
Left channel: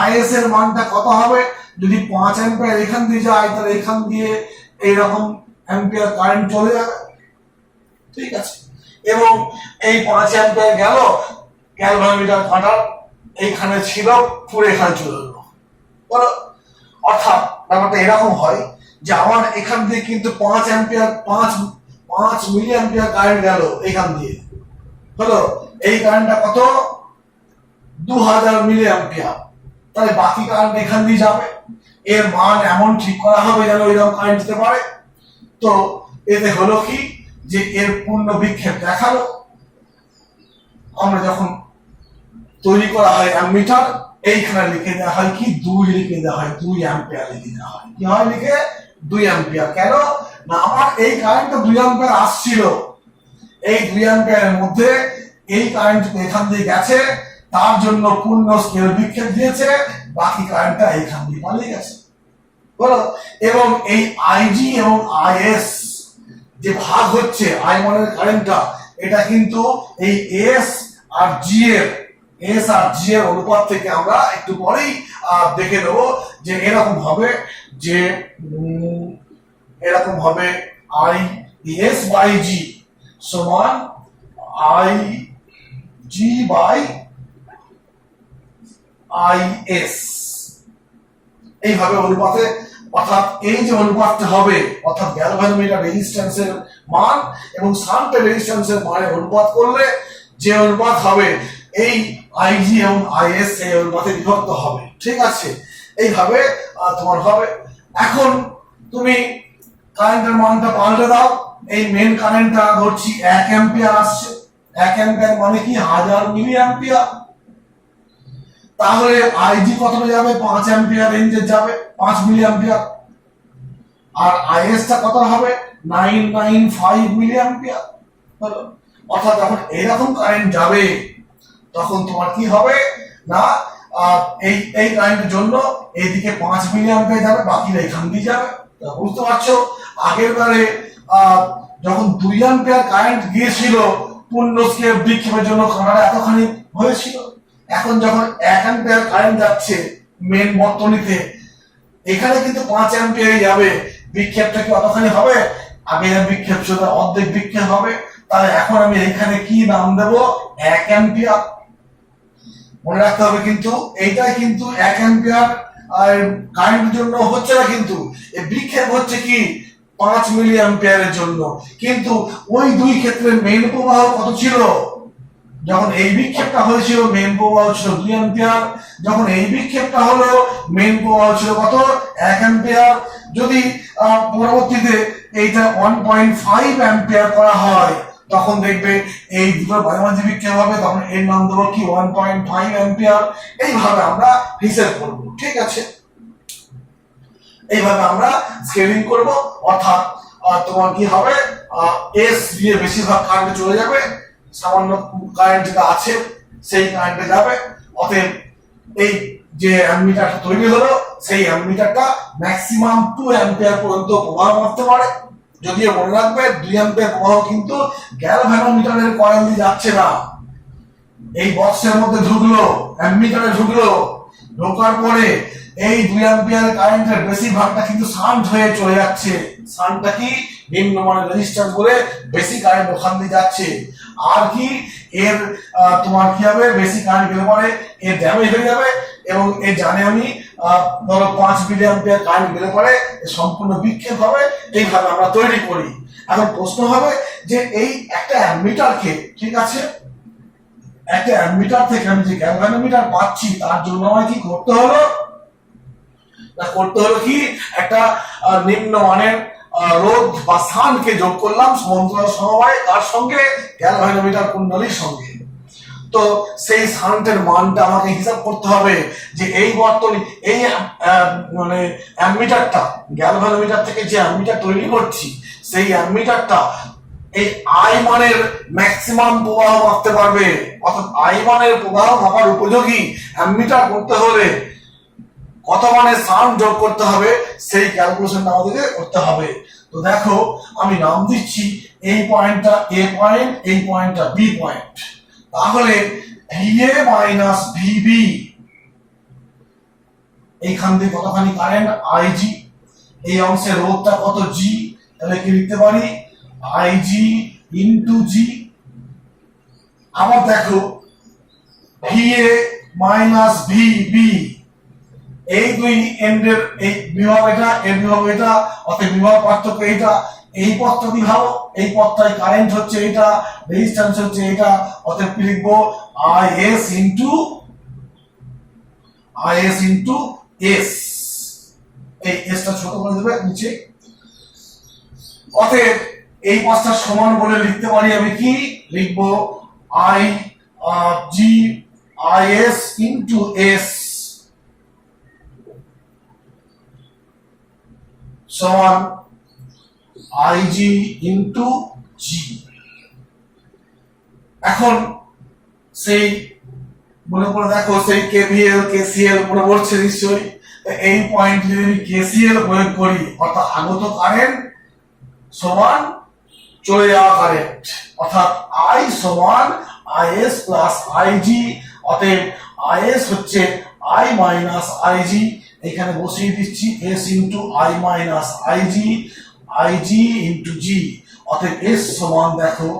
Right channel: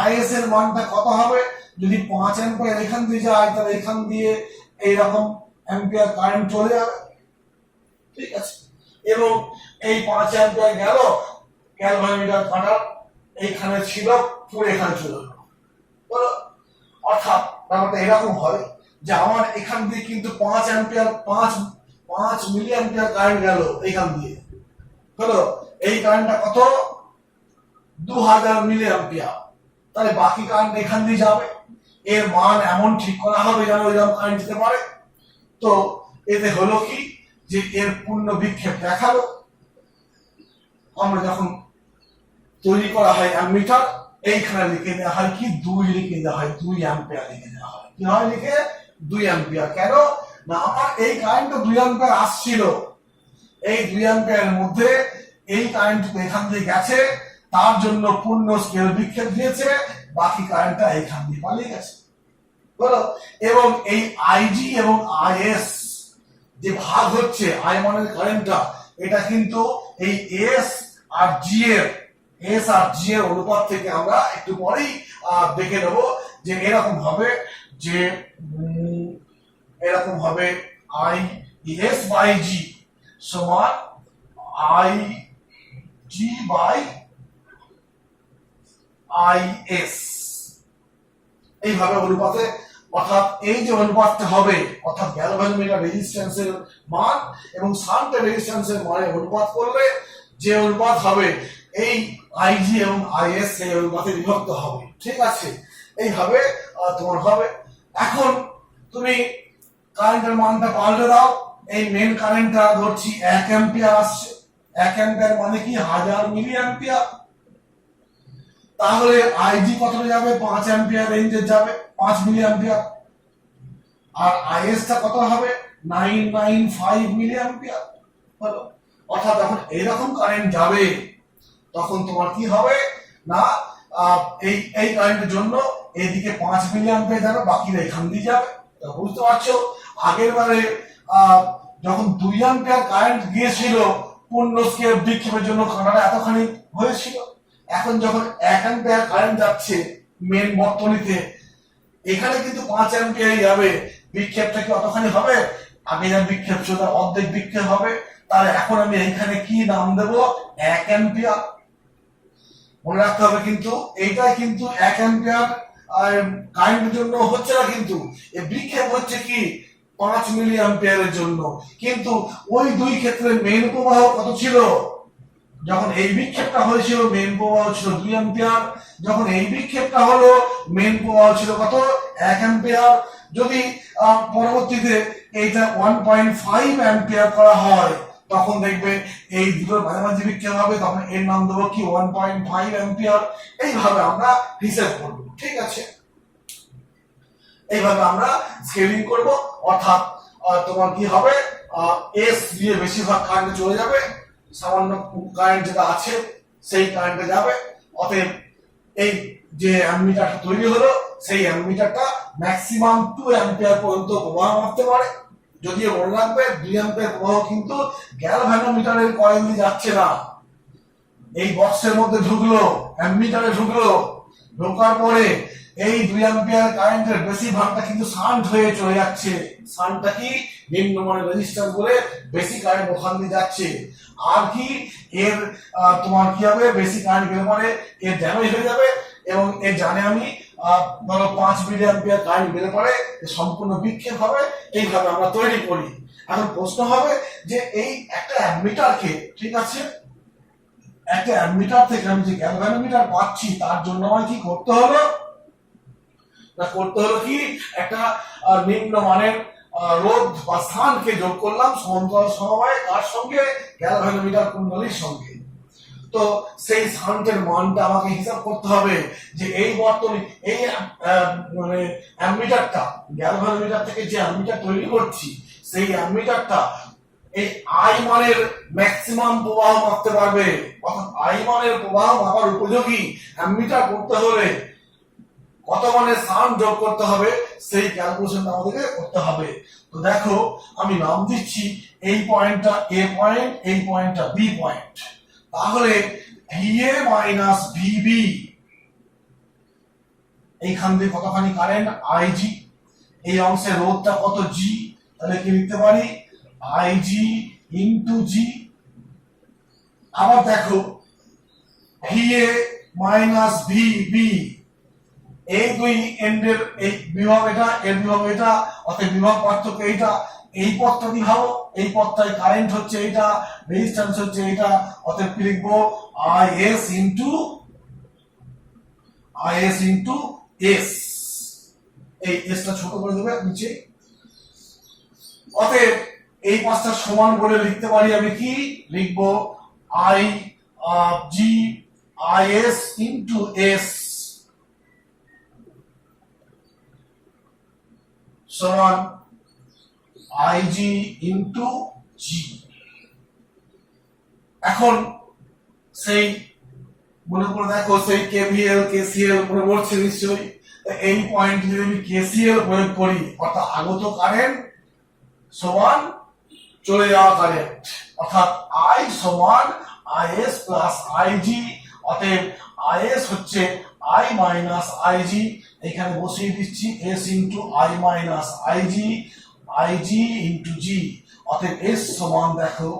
আইএস এর মানটা কত হবে। যদি 5 অ্যাম্পিয়ার এখান দিয়ে যায় তাহলে এখান দিয়ে এইরকম অ্যাম্পিয়ার কারেন্ট চলে যাবে, ঠিক আছে। এবং এই 5 অ্যাম্পিয়ার গেল, গ্যালভানোমিটার কাটার এইখানে ছিল, পুরো এখানে চলে গেল, বলো। অর্থাৎ ব্যাপারটা এরকম হয় যে আমার এখান দিয়ে কিন্তু 5 অ্যাম্পিয়ার 5 মিলি অ্যাম্পিয়ার কারেন্ট গেল এখান দিয়ে, হলো। এই কারেন্টটা কত, 2000 মিলি অ্যাম্পিয়ার। তাহলে বাকি কারেন্ট এখান দিয়ে যাবে, এর মান এমন ঠিক করা হবে যেন এরকম কারেন্ট যেতে পারে। তো এতে হলো কি, যে এর পূর্ণ বিক্ষেপ দেখালো। আমরা যখন তৈরি করা হয় অ্যামিটার, এইখানে লিখে দেওয়া হয় কি, 2 লিখে দেওয়া হয়, 2 অ্যাম্পিয়ার লিখে দেওয়া হয়। কি হয় লিখে, 2 অ্যাম্পিয়ার। কেন না, আমার এই কারেন্টটা 2 অ্যাম্পিয়ার আসছিল, এই 2 অ্যাম্পিয়ারের মধ্যে এই কারেন্ট এখান দিয়ে গেছে, তার জন্য পূর্ণ স্কেল বিক্ষেপ দিয়েছে, বাকি কারেন্টটা এইখান দিয়ে পালিয়ে গেছে, বলো। এবং এই আইজি এবং আইএস যে ভাগ হচ্ছে, আই মানের কারেন্টটা, এটা কিন্তু এই এস আর জি এর অনুপাত থেকে আমরা একটু পরেই দেখে নেব যে এরকম হবে, যে এরকম হবে আই এস বাই জি সমান I G by I S, এইভাবে অনুপাতে। অর্থাৎ এই যে অনুপাতটা হবে, অর্থাৎ গ্যালভানোমিটার রেজিস্ট্যান্সের মান এবং শান্ট রেজিস্ট্যান্সের মানের অনুপাত করলে যে অনুপাত হবে, এই আইজি এবং আইএস এই অনুপাতে বিভক্ত হবে, ঠিক আছে। এইভাবে তোমার হবে। এখন তুমি কারেন্টের মানটা পাল্টে দাও। এই মেন কারেন্টটা ধরছি 1 অ্যাম্পিয়ার আসছে, 1 অ্যাম্পিয়ার মানে কি 1000 মিলি অ্যাম্পিয়ার। তাহলে আইজি কতটা যাবে, 5 অ্যাম্পিয়ার রেঞ্জে যাবে, 5 মিলি অ্যাম্পিয়ার। আর আইএস টা কত হবে, 995 মিলি অ্যাম্পিয়ার, হলো। অর্থাৎ যখন এইরকম কারেন্ট যাবে তখন তোমার কি হবে না, এই কারেন্টের জন্য এইদিকে 5 মিলি অ্যাম্পিয়ার যাবে, বাকিটা এখান দিয়ে যাবে। বুঝতে পারছো, আগের বারে যখন 2 অ্যাম্পিয়ার কারেন্ট গিয়েছিল, পূর্ণ স্কেল বিক্ষেপের জন্য কানাডা এতখানি হয়েছিল। এখন যখন 1 অ্যাম্পিয়ার কারেন্ট যাচ্ছে মেন বর্তনীতে, এখানে কিন্তু 5 অ্যাম্পিয়ার যাবে, বিক্ষেপটা কি অতখানি হবে? আগে যা বিক্ষেপ ছিল অর্ধেক বিক্ষেপ হবে। তাহলে এখন আমি এখানে কি নাম দেব, 1 অ্যাম্পিয়ার। মনে রাখতে হবে কিন্তু এইটাই কিন্তু 1 অ্যাম্পিয়ার কারেন্টের জন্য হচ্ছে না, কিন্তু এই বিক্ষেপ হচ্ছে কি 5 মিলি অ্যাম্পিয়ারের জন্য। কিন্তু ওই দুই ক্ষেত্রে মেইন প্রবাহ কত ছিল, যখন এই বিক্ষেপটা হয়েছিল মেইন প্রবাহ ছিল 2 অ্যাম্পিয়ার, যখন এই বিক্ষেপটা হলো মেইন প্রবাহ ছিল কত, 1 অ্যাম্পিয়ার। যদি পরবর্তীতে এইটা 1.5 অ্যাম্পিয়ার করা হয়, তখন দেখবে এই দুটো মাঝামাঝি বিক্ষেপ হবে, তখন এর নাম দেবো কি 1.5 অ্যাম্পিয়ার। এইভাবে আমরা হিসেব করব, ঠিক আছে। এইভাবে আমরা স্কেলিং করব। অর্থাৎ তোমার কি হবে, এস দিয়ে বেশিরভাগ কারেন্ট চলে যাবে, সামান্য কারেন্ট যেটা আছে সেই কারেন্টে যাবে। অতএব এই যে অ্যামিটারটা তৈরি হলো, সেই অ্যামিটারটা ম্যাক্সিমাম 2 অ্যাম্পিয়ার পর্যন্ত প্রবাহ মাপতে পারে। যদিও মনে রাখবে 2 অ্যাম্পিয়ার প্রবাহ কিন্তু গ্যালভানোমিটারের কয়েল দিয়ে যাচ্ছে না, এই বক্সের মধ্যে ঢুকলো, অ্যামিটারে ঢুকলো, ঢোকার পরে এই 2 অ্যাম্পিয়ার কারেন্টের বেশিরভাগটা কিন্তু শান্ট হয়ে চলে যাচ্ছে। শান্টটা কি, নিম্নমানের রেজিস্ট্যান্স বলে বেশি কারেন্ট ওখান দিয়ে যাচ্ছে। আর কি এর তোমার কি হবে, বেশি কারেন্ট গেলে পরে এর ড্যামেজ হয়ে যাবে, এবং এর জানে আমি ধরো 5 মিলি অ্যাম্পিয়ার কারেন্ট গেলে পরে সম্পূর্ণ বিক্ষেপ হবে। এইভাবে আমরা তৈরি করি। এখন প্রশ্ন হবে যে এই একটা অ্যামিটারকে, ঠিক আছে, একটা অ্যামিটার থেকে আমি যে গ্যালভানোমিটার পাচ্ছি তার জন্য আমায় কি করতে হলো, কি একটা নিম্ন মানের রোধ বা স্থানকে যোগ করলাম সমান্তরাল সমবায় কার সঙ্গে, গ্যালভানোমিটার কুণ্ডলীর সঙ্গে। তো সেই স্থানটার মানটা আমাকে হিসাব করতে হবে যে এই বর্তনী এই মানে অ্যামিটারটা গ্যালভানোমিটার থেকে যে অ্যামিটার তৈরি করছি সেই অ্যামিটারটা এই আই মানের ম্যাক্সিমাম প্রবাহ মাপতে পারবে, অর্থাৎ আই মানের প্রবাহ মাপার উপযোগী অ্যামিটার করতে হলে কত মানের সাউন্ড যোগ করতে হবে সেই ক্যালকুলেশনটা আমাদেরকে করতে হবে। তো দেখো আমি নাম দিচ্ছি এই পয়েন্টটা এ পয়েন্ট, এই পয়েন্টটা বি পয়েন্ট। তাহলে VA মাইনাস VB এইখান দিয়ে কতখানি কারেন্ট IG, এই অংশের রোধটা কত G, তাহলে কি লিখতে পারি IG ইনটু G। আবার দেখো VA মাইনাস VB, এই দুই এন্ডের এই বিভব এটা, এর বিভব এটা, অর্থাৎ বিভব পার্থক্য এইটা, এই পথটা কি ভাবো, এই পথটাই কারেন্ট হচ্ছে এটা, রেজিস্ট্যান্স হচ্ছে এটা, অতএব কি লিখবো IS ইনটু S, এই এসটা ছোট করে দেবে নিচে। অতএব এই পাঁচটা সমান বলে লিখতে পারি আমি কি লিখবো IS ইনটু S সমান IG ইনটু G। এখন সেই মনে করে দেখো সেই KVL KCL মনে পড়ছে নিশ্চয়ই, এই পয়েন্ট যদি আমি KCL প্রয়োগ করি অর্থাৎ আগত কারেন্ট সমান চলে যাওয়া কারেন্ট, অর্থাৎ I সমান IS প্লাস IG, অতএব IS হচ্ছে I মাইনাস IG, এখানে বসিয়ে দিচ্ছি S into I minus IG into G, অতএব S সমান দেখো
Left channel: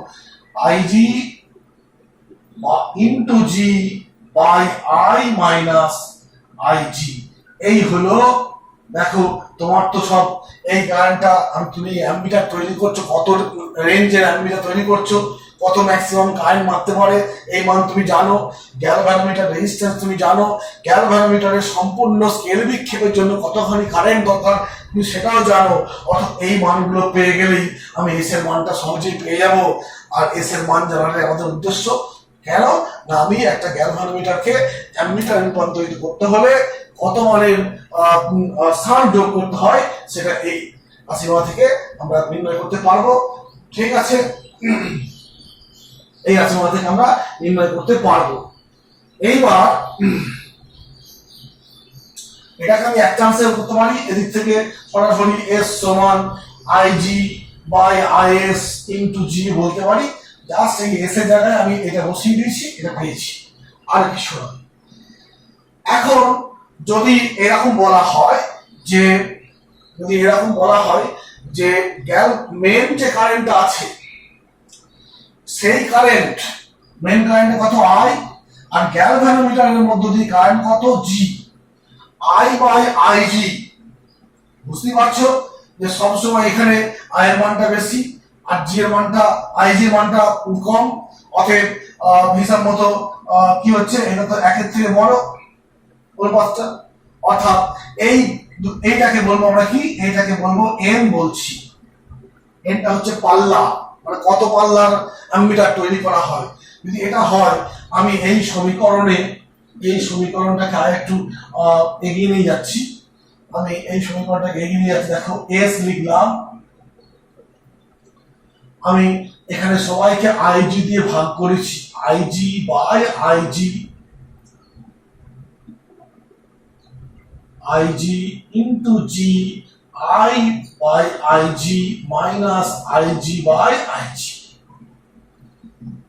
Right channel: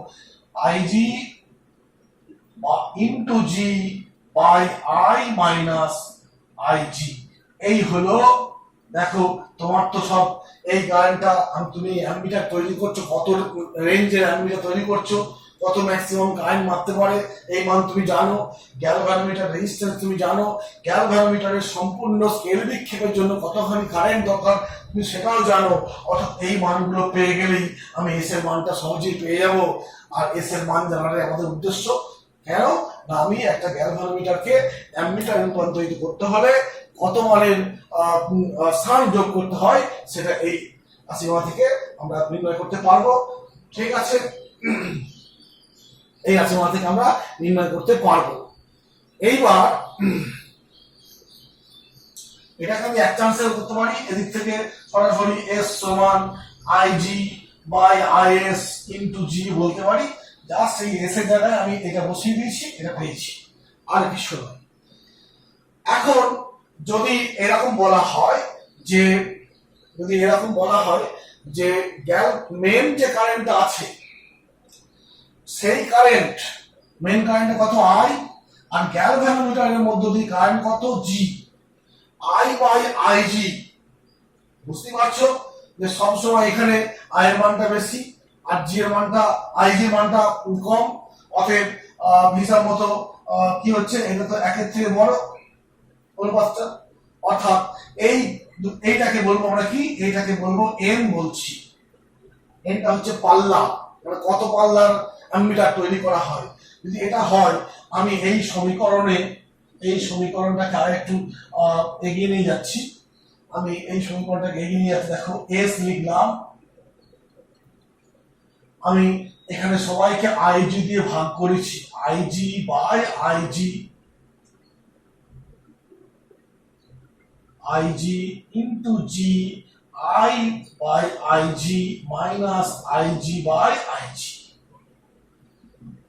IG into G by I minus IG। এই হলো দেখো তোমার তো সব এই কারেন্টটা তুমি অ্যামিটার তৈরি করছো, কত রেঞ্জের অ্যামিটার তৈরি করছো, কত ম্যাক্সিমাম কারেন্ট মারতে পারে এই মান তুমি জানো, গ্যালভানোমিটার রেজিস্ট্যান্স তুমি জানো, গ্যালভানোমিটারের সম্পূর্ণ স্কেল বিক্ষেপের জন্য কতখানি কারেন্ট দরকার তুমি সেটাও জানো। অর্থাৎ এই মানগুলো পেয়ে গেলেই আমি এস এর মানটা সহজেই পেয়ে যাব। আর এস এর মান জানাটাই আমাদের উদ্দেশ্য। কেন না আমি একটা গ্যালভানোমিটারকে অ্যামিটারে রূপান্তরিত করতে হলে কত মানের সাউন্ড যোগ করতে হয় সেটা এই রাশিমালা থেকে আমরা নির্ণয় করতে পারবো। ঠিক আছে, এই রাশিমালা থেকে আমরা নির্ণয় করতে পারবো। এইবার এটাকে আমি একটা আনসার করতে পারি, এদিক থেকে সরাসরি এস সমান আইজি বাই আইএস ইনটু জি বলতে পারি। জাস্ট এই এস এর জায়গায় আমি এটা বসিয়ে দিয়েছি, এটা পেয়েছি, আর কিছু না। এখন যদি এরকম বলা হয় যে মেন যে কারেন্টটা আছে সেই কারেন্ট মেন কারেন্ট কত আই, আর গ্যালভানোমিটারের মধ্য দিয়ে কারেন্ট কত জি, আই বাই আইজি। বুঝতে পারছো যে সবসময় এখানে আই এর মানটা বেশি আর জি এর মানটা আইজি এর মানটা কম, অতএব হিসাব মতো কি হচ্ছে এটা তো একের থেকে বড় পথটা, অর্থাৎ এইটাকে বলবো আমরা কি, এইটাকে বলবো এন বলছি। এনটা হচ্ছে পাল্লা, মানে কত পাল্লার অ্যামিটার তৈরি করা হয়। যদি এটা হয় আমি এই সমীকরণটাকে আর একটু এগিয়ে নিয়ে যাচ্ছি, দেখো এস লিখলাম, আমি এখানে সবাইকে আইজি দিয়ে ভাগ করেছি, I G by I G into G, I by I G minus I G by I G.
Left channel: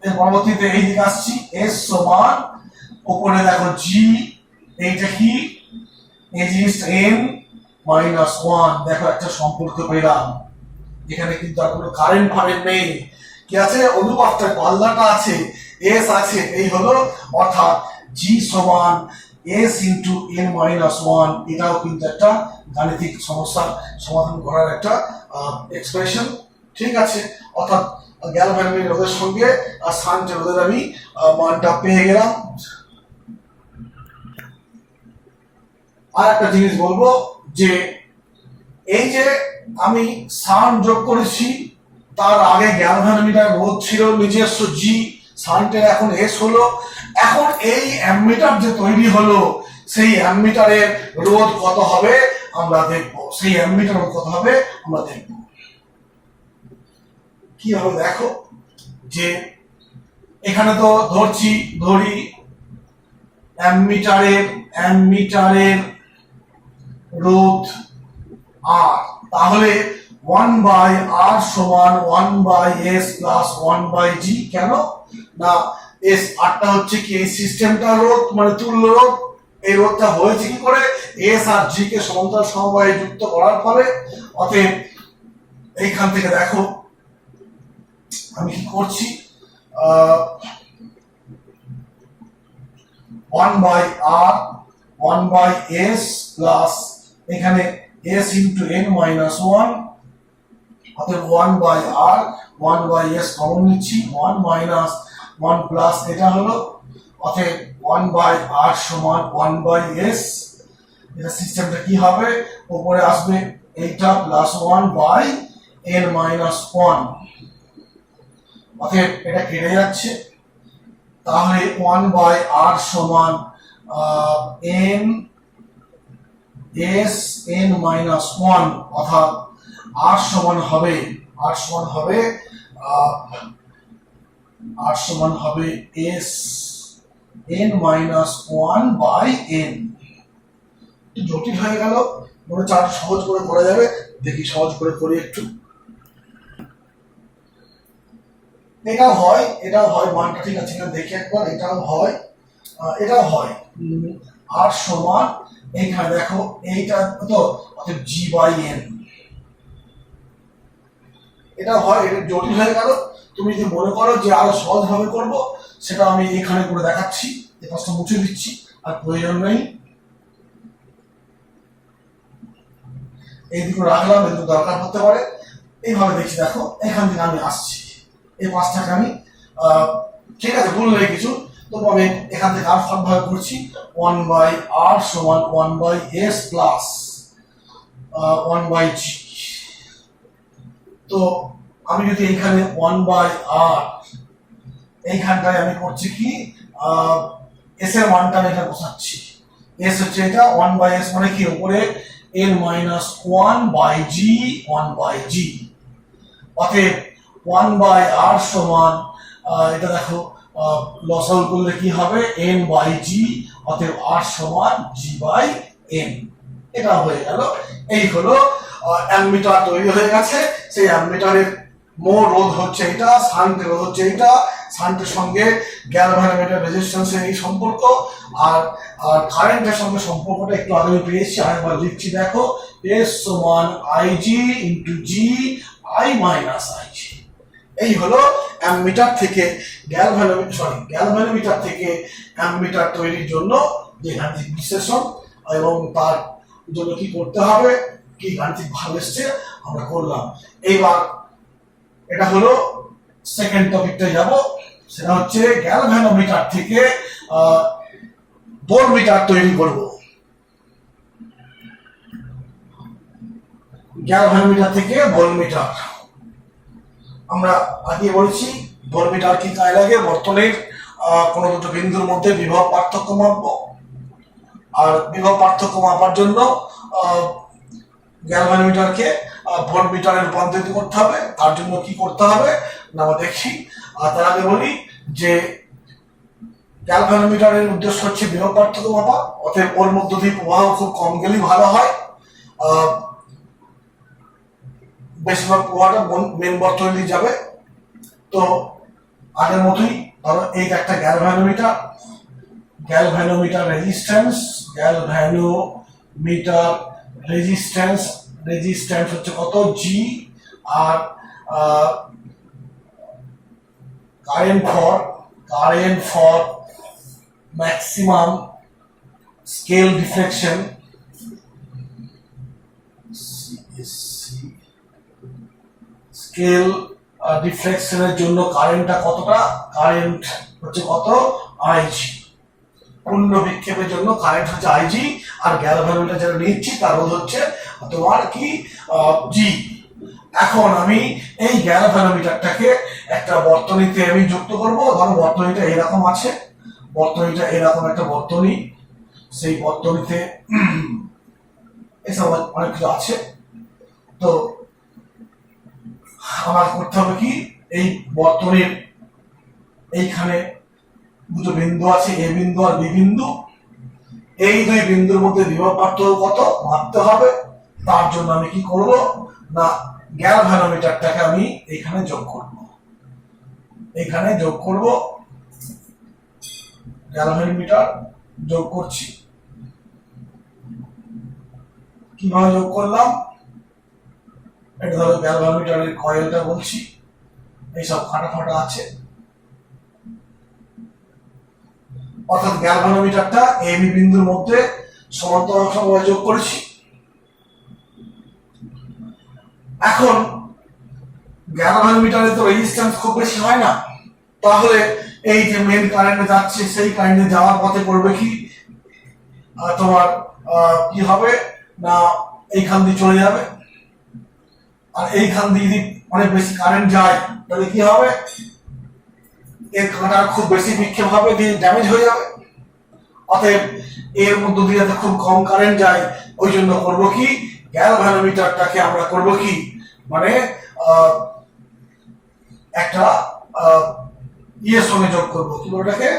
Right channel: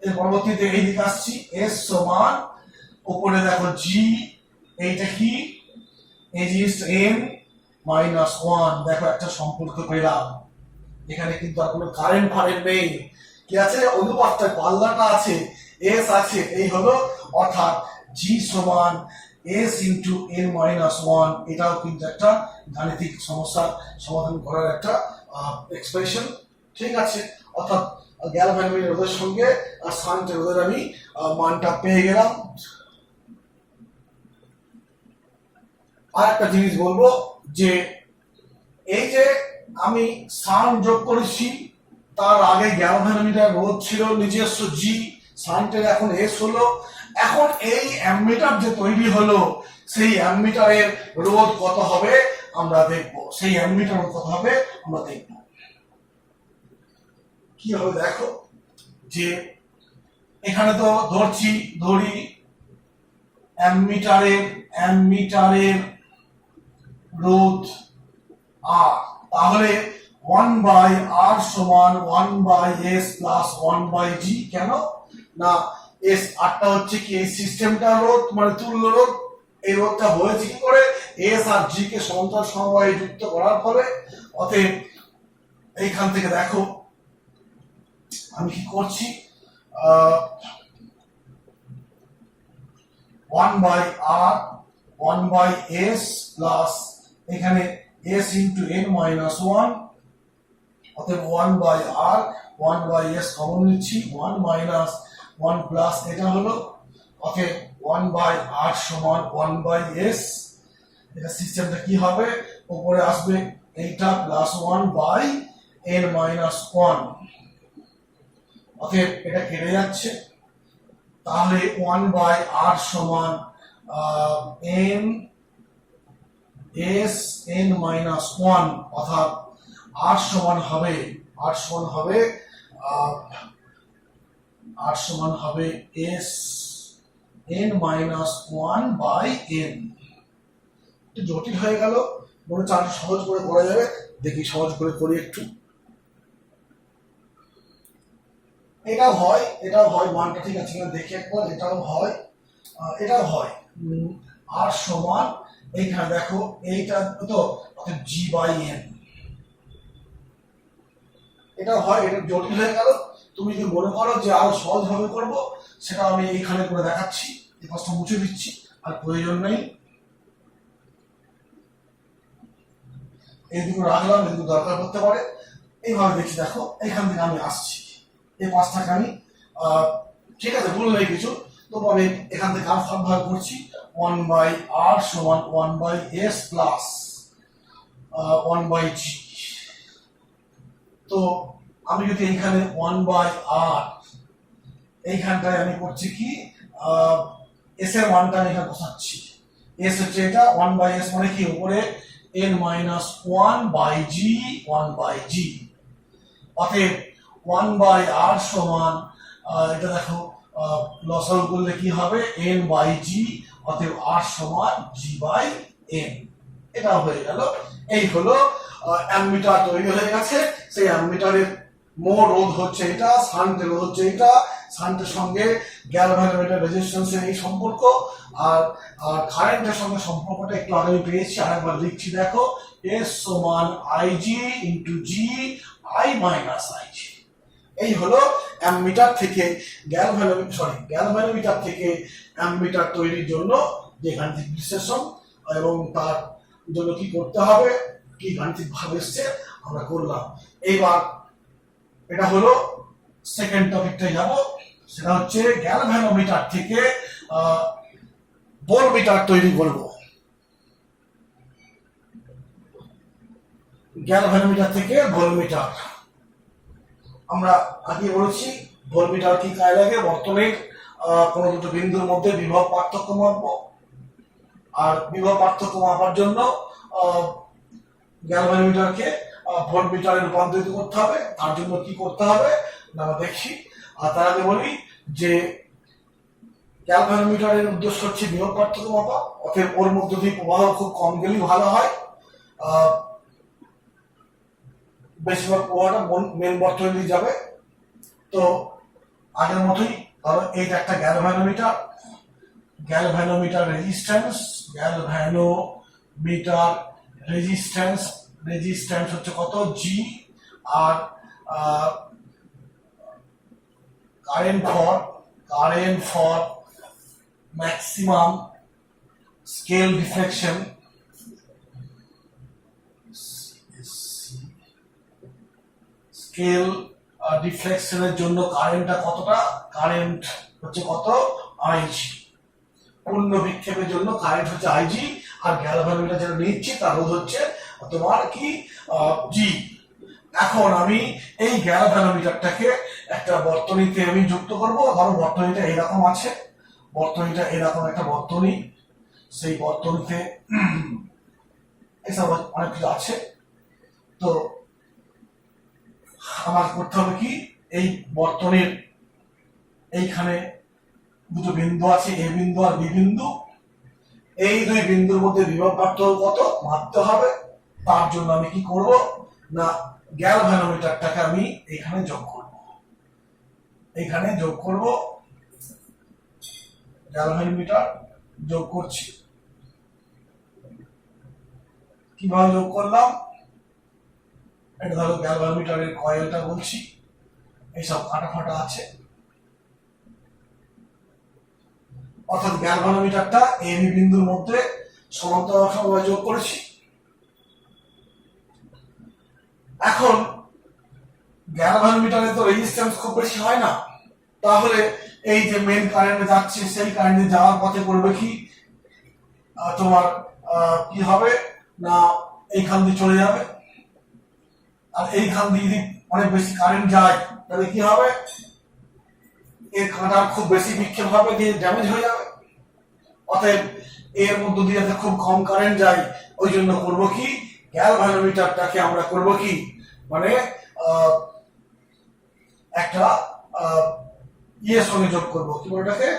এর পরবর্তীতে এই দিকে আসছি, এস সমান উপরে দেখো জি, এইটা কি এন মাইনাস ওয়ান। দেখো একটা সম্পর্ক পেলাম, এখানে কিন্তু আর কোনো কারেন্ট নেই, কি আছে অনুপাতটা পাল্লাটা আছে, এস আছে, এই হলো, অর্থাৎ জি সমান S into N minus one. এটাও কিন্তু একটা গাণিতিক সমস্যা সমাধান করার একটা এক্সপ্রেশন। ঠিক আছে, অর্থাৎ গ্যালভানোমিটার রোধের সঙ্গে আর শান্টের রোধের আমি মানটা পেয়ে গেলাম। আর একটা জিনিস বলবো যে এই যে আমি শান্ট যোগ করেছি, তার আগে গ্যালভানোমিটার রোধ ছিল নিজস্ব জি, শান্টের এখন এস হলো। এখন এই অ্যামমিটার যে তৈরি হলো, সেই অ্যামমিটারের রোধ কত হবে আমরা দেখব। সেই অ্যামমিটার রোধ কত হবে আমরা দেখব। কি হবে দেখো, যে এখানে তো ধরি অ্যামমিটারের রোধ আর, তাহলে 1/r সমান 1/s প্লাস 1/g। কেন না, এস আরটা হচ্ছে কি এই সিস্টেমটার রোধ, মানে তুল্য রোধ। এই রোধটা হয়েছে কি করে, এস আর জি কে সমান্তরাল সমবায়ে যুক্ত করার ফলে। অতএব এইখান থেকে দেখো আমি কি করছি, 1/r 1/s প্লাস এখানে s ইন্টু n মাইনাস 1, অতএব 1/r 1/s কমন নিচ্ছি, 1 মাইনাস 1 প্লাস এটা হলো, অতএব 1/r সমান 1/s। এটা সিস্টেমটা কি হবে, উপরে আসবে এইটা প্লাস 1/n মাইনাস 1, অতএব এটা কেটে যাচ্ছে। তাহলে 1/r সমান n s n মাইনাস 1, অর্থাৎ r সমান হবে s n মাইনাস 1/n। একটু জটিল হয়ে গেল, মনে হচ্ছে আরো সহজ করে করা যাবে। দেখি সহজ করে করি একটু। এটাও হয় মানটা ঠিক আছে কিনা দেখি একবার। এটাও হয় আর সমান এইখানে দেখো এইটা তো, অর্থাৎ g/n। এটা হয়, এটা জটিল হয়ে গেল। তুমি যদি মনে করো যে আরো সহজ ভাবে করব, সেটা আমি এখানে করে দেখাচ্ছি। এই পাশটা মুছে দিচ্ছি, আর প্রয়োজন নেই। এইদিকে রাখলাম, এদিকে দরকার হতে পারে। এইভাবে দেখছি, দেখো এখান থেকে আমি আসছি, এই পাঁচটাকে আমি ঠিক আছে ভুল নেই কিছু, তবু আমি এখান থেকে আর ভাগ করছি। 1/r সমান 1/s প্লাস 1/g। তো আমি যদি এইখানে 1/r এইখানটায় আমি করছি কি, s এর মানটা আমি এখানে বসাচ্ছি। s হচ্ছে এটা, 1/s মানে কি উপরে n মাইনাস 1/g। অতএব 1/r সমান এটা দেখো লসাগু করলে কি হবে n/g, অতএব r সমান g/n। এটা হয়ে গেল। এই হলো অ্যামমিটার তৈরি হয়ে গেছে। সেই অ্যামমিটারের মোট রোধ হচ্ছে এটা, শান্টের রোধ হচ্ছে এটা, শান্টের সঙ্গে গ্যালভানোমিটার রেজিস্ট্যান্সের এই সম্পর্ক, আর কারেন্টের সঙ্গে সম্পর্কটা একটু আগে পেয়েছি, আরেকবার লিখছি দেখো, s সমান ig into g i minus ig। এই হলো অ্যামমিটার থেকে গ্যালভানোমিটার থেকে অ্যামমিটার তৈরির জন্য যে গাণিতিক বিশ্লেষণ, এবং তার জন্য কি করতে হবে, কি গাণিতিক ভাব এসছে আমরা করলাম। এইবার এটা হলো সেকেন্ড টপিকটা যাব, সেটা হচ্ছে গ্যালভানোমিটার থেকে ভোল্টমিটার তৈরি করব। গ্যালভানোমিটার থেকে ভোল্টমিটার আমরা আগে বলেছি। ভোল্টমিটার কি কাজে লাগে, বর্তনীর কোনো দুটো বিন্দুর মধ্যে বিভব পার্থক্য মাপবো, আর বিভব পার্থক্য মাপার জন্য গ্যালভানোমিটারকে ভোল্টমিটারে রূপান্তরিত করতে হবে। তার জন্য কি করতে হবে না আমরা দেখি। আর তার আগে বলি যে গ্যালভানোমিটারের উদ্দেশ্য হচ্ছে বিভব পার্থক্য মাপা, অতএব ওর মধ্য দিয়ে প্রবাহ খুব কম গেলেই ভালো হয়। বেশিরভাগ প্রবাহটা মেন বর্তনী দিয়ে যাবে। তো আগের মতোই ধরো এই একটা গ্যালভানোমিটার রেজিস্ট্যান্স হচ্ছে কত, জি। আর current for maximum scale deflection, scale ডিফ্লেকশনের জন্য কারেন্টটা কতটা, কারেন্ট হচ্ছে কত আইজি, পূর্ণ বিক্ষেপের জন্য কারেন্ট হচ্ছে আইজি, আর গ্যালভানোমিটার যেটা নিচ্ছি তার রোধ হচ্ছে তোমার কি জি। এখন আমি এই গ্যালভানোমিটারটাকে একটা বর্তনীতে আমি যুক্ত করব। ধরো বর্তনীটা এরকম আছে, বর্তনীটা এরকম একটা বর্তনী, সেই বর্তনীতে এসব অনেক কিছু আছে। তো আমার করতে হবে কি, এই বর্তনীর এইখানে দুটো বিন্দু আছে, এ বিন্দু আর বি বিন্দু, এই দুই বিন্দুর মধ্যে বিভব পার্থক্য কত ভাবতে হবে। তার জন্য আমি কি করব না, গ্যালভানোমিটারটাকে আমি এখানে যোগ করব, এখানে যোগ করব, গ্যালভানোমিটার যোগ করছি। কিভাবে যোগ করলাম, এটা ধরো গ্যালভানোমিটারের কয়েলটা বলছি, এইসব ফাটা ফাটা আছে, অর্থাৎ গ্যালভানোমিটারটা এবি বিন্দুর মধ্যে সমান্তরাল সমবায় যোগ করেছি। এখন গ্যালভানোমিটারে তো রেজিস্ট্যান্স খুব বেশি হয় না, তাহলে এই যে মেইন কারেন্ট যাচ্ছে সেই কারেন্টে যাওয়ার পথে করবে কি, তোমার কি হবে না, এইখান দিয়ে চলে যাবে, আর এইখান দিয়ে যদি অনেক বেশি কারেন্ট যায় তাহলে কি হবে, এর কাঁটার খুব বেশি বিক্ষেপ হবে, দিয়ে ড্যামেজ হয়ে যাবে। অতএব এর মধ্য দিয়ে যাতে খুব কম কারেন্ট যায়, ওই জন্য করবো কি, গ্যালভানোমিটারটাকে আমরা করবো কি, মানে একটা ইয়ের সঙ্গে যোগ করবো, কি ওটাকে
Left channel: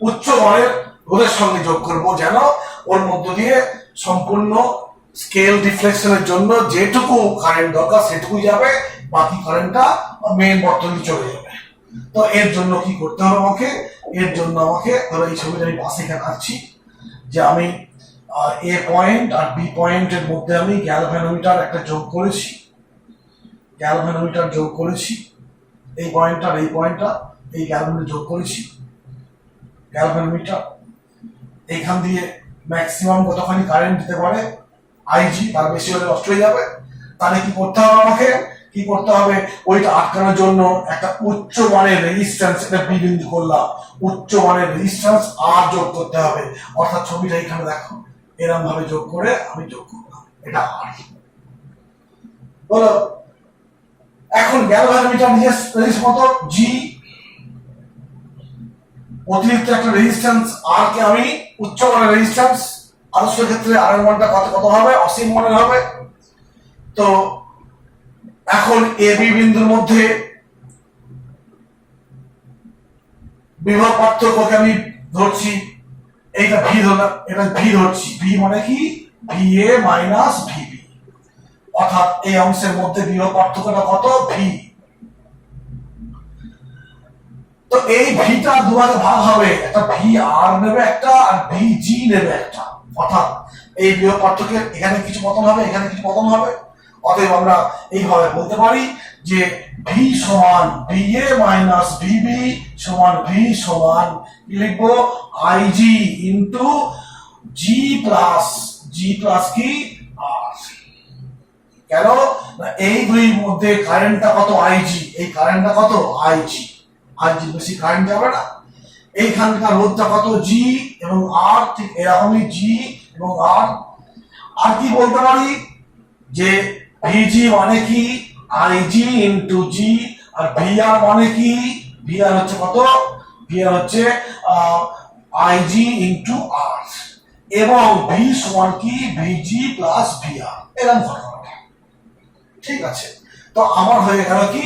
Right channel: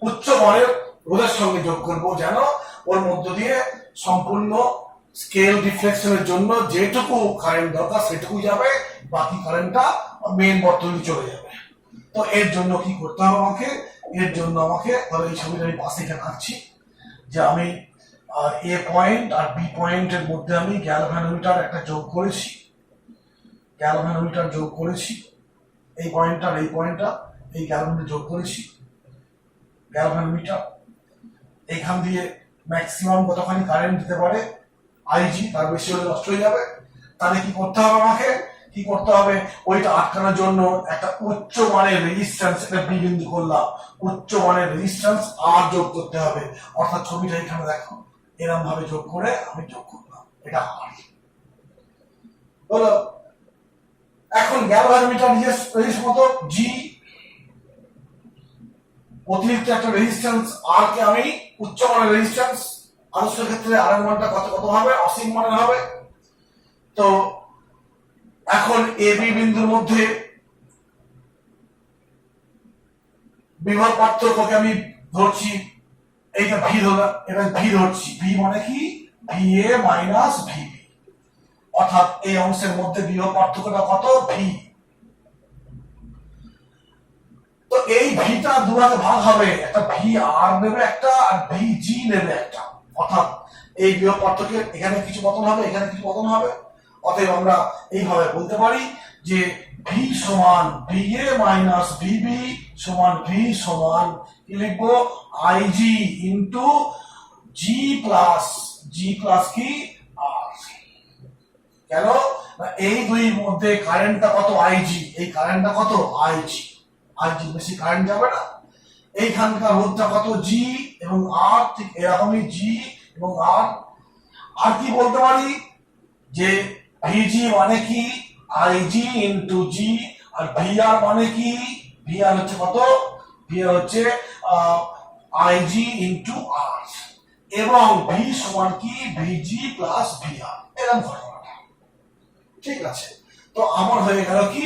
উচ্চ মানের রোধের সঙ্গে যোগ করব, যেন ওর মধ্য দিয়ে সম্পূর্ণ স্কেল ডিফ্লেকশনের জন্য যেটুকু কারেন্ট দরকার সেটুকুই যাবে, বাকি কারেন্টটা মেইন বর্তনী চলে যাবে। তো এর জন্য কি করতে হবে আমাকে, এর জন্য আমাকে ধরো এই ছবিটা আমি পাশে এখানে আঁকছি, যে আমি এ পয়েন্ট আর বি পয়েন্টের মধ্যে আমি গ্যালভানোমিটার একটা যোগ করেছি, গ্যালভানোমিটার যোগ করেছি, এই পয়েন্টটা আর এই পয়েন্টটা এই গ্যালভানোমিটার যোগ করেছি। গ্যালভানোমিটার এইখান দিয়ে ম্যাক্সিমাম কতখানি কারেন্ট দিতে পারে আইজি, তার বেশি হলে নষ্ট হয়ে যাবে। তাহলে কি করতে হবে আমাকে, কি করতে হবে, ওইটা আটকানোর জন্য একটা উচ্চ মানের রেজিস্ট্যান্স, এটা বি বিন্দু করলাম, উচ্চ মানের রেজিস্ট্যান্স আর যোগ করতে হবে। অর্থাৎ ছবিটা এখানে দেখো এরকম ভাবে যোগ করে আমি যোগ করলাম, এটা আর বলো। এখন গ্যালভানোমিটার নিজের কত জি, অতিরিক্ত একটা রেজিস্ট্যান্স আর কে আমি উচ্চ মানের রেজিস্ট্যান্স, আদর্শ ক্ষেত্রে আর মানটা কত কত হবে, অসীম মানের হবে। তো এখন এ বি বিন্দুর মধ্যে বিভব পার্থক্যকে আমি ধরছি, এইটা ভি ধরলাম, এটা ভি ধরছি, ভি মানে কি, ভি এ মাইনাস ভিবি, অর্থাৎ এই অংশের মধ্যে বিভব পার্থক্যটা কত, ভি। তো এই ভিটা দুভাগে ভাগ হবে, একটা ভি আর নেবে একটা, আর ভি জি নেবে একটা, অর্থাৎ এই বিভব পার্থক্যের এখানে কিছু পতন হবে, এখানে কিছু পতন হবে। অতএব আমরা এইভাবে বলতে পারি যে ভি সমান ভি এ মাইনাস ভিবি সমান ভি সমান কি লিখবো, আইজি ইন্টু জি প্লাস কি আর। কেন না, এই দুই মধ্যে কারেন্টটা কত আইজি, এই কারেন্টটা কত আইজি, আইজি বেশি কারেন্ট যাবে না। এইখানকার রোধটা কত জি এবং আর, ঠিক এরকমই জি এবং আর। আর কি বলতে পারি যে ভিজি মানে কি আইজি ইন্টু জি, আর ভিআর মানে কি, ভিআর হচ্ছে কত, ভিআর হচ্ছে আইজি ইন্টু আর, এবং ভি সমান কি ভিজি প্লাস ভিআর, এরকম ঘটনাটা। ঠিক আছে, তো আমার হয়ে গেল কি,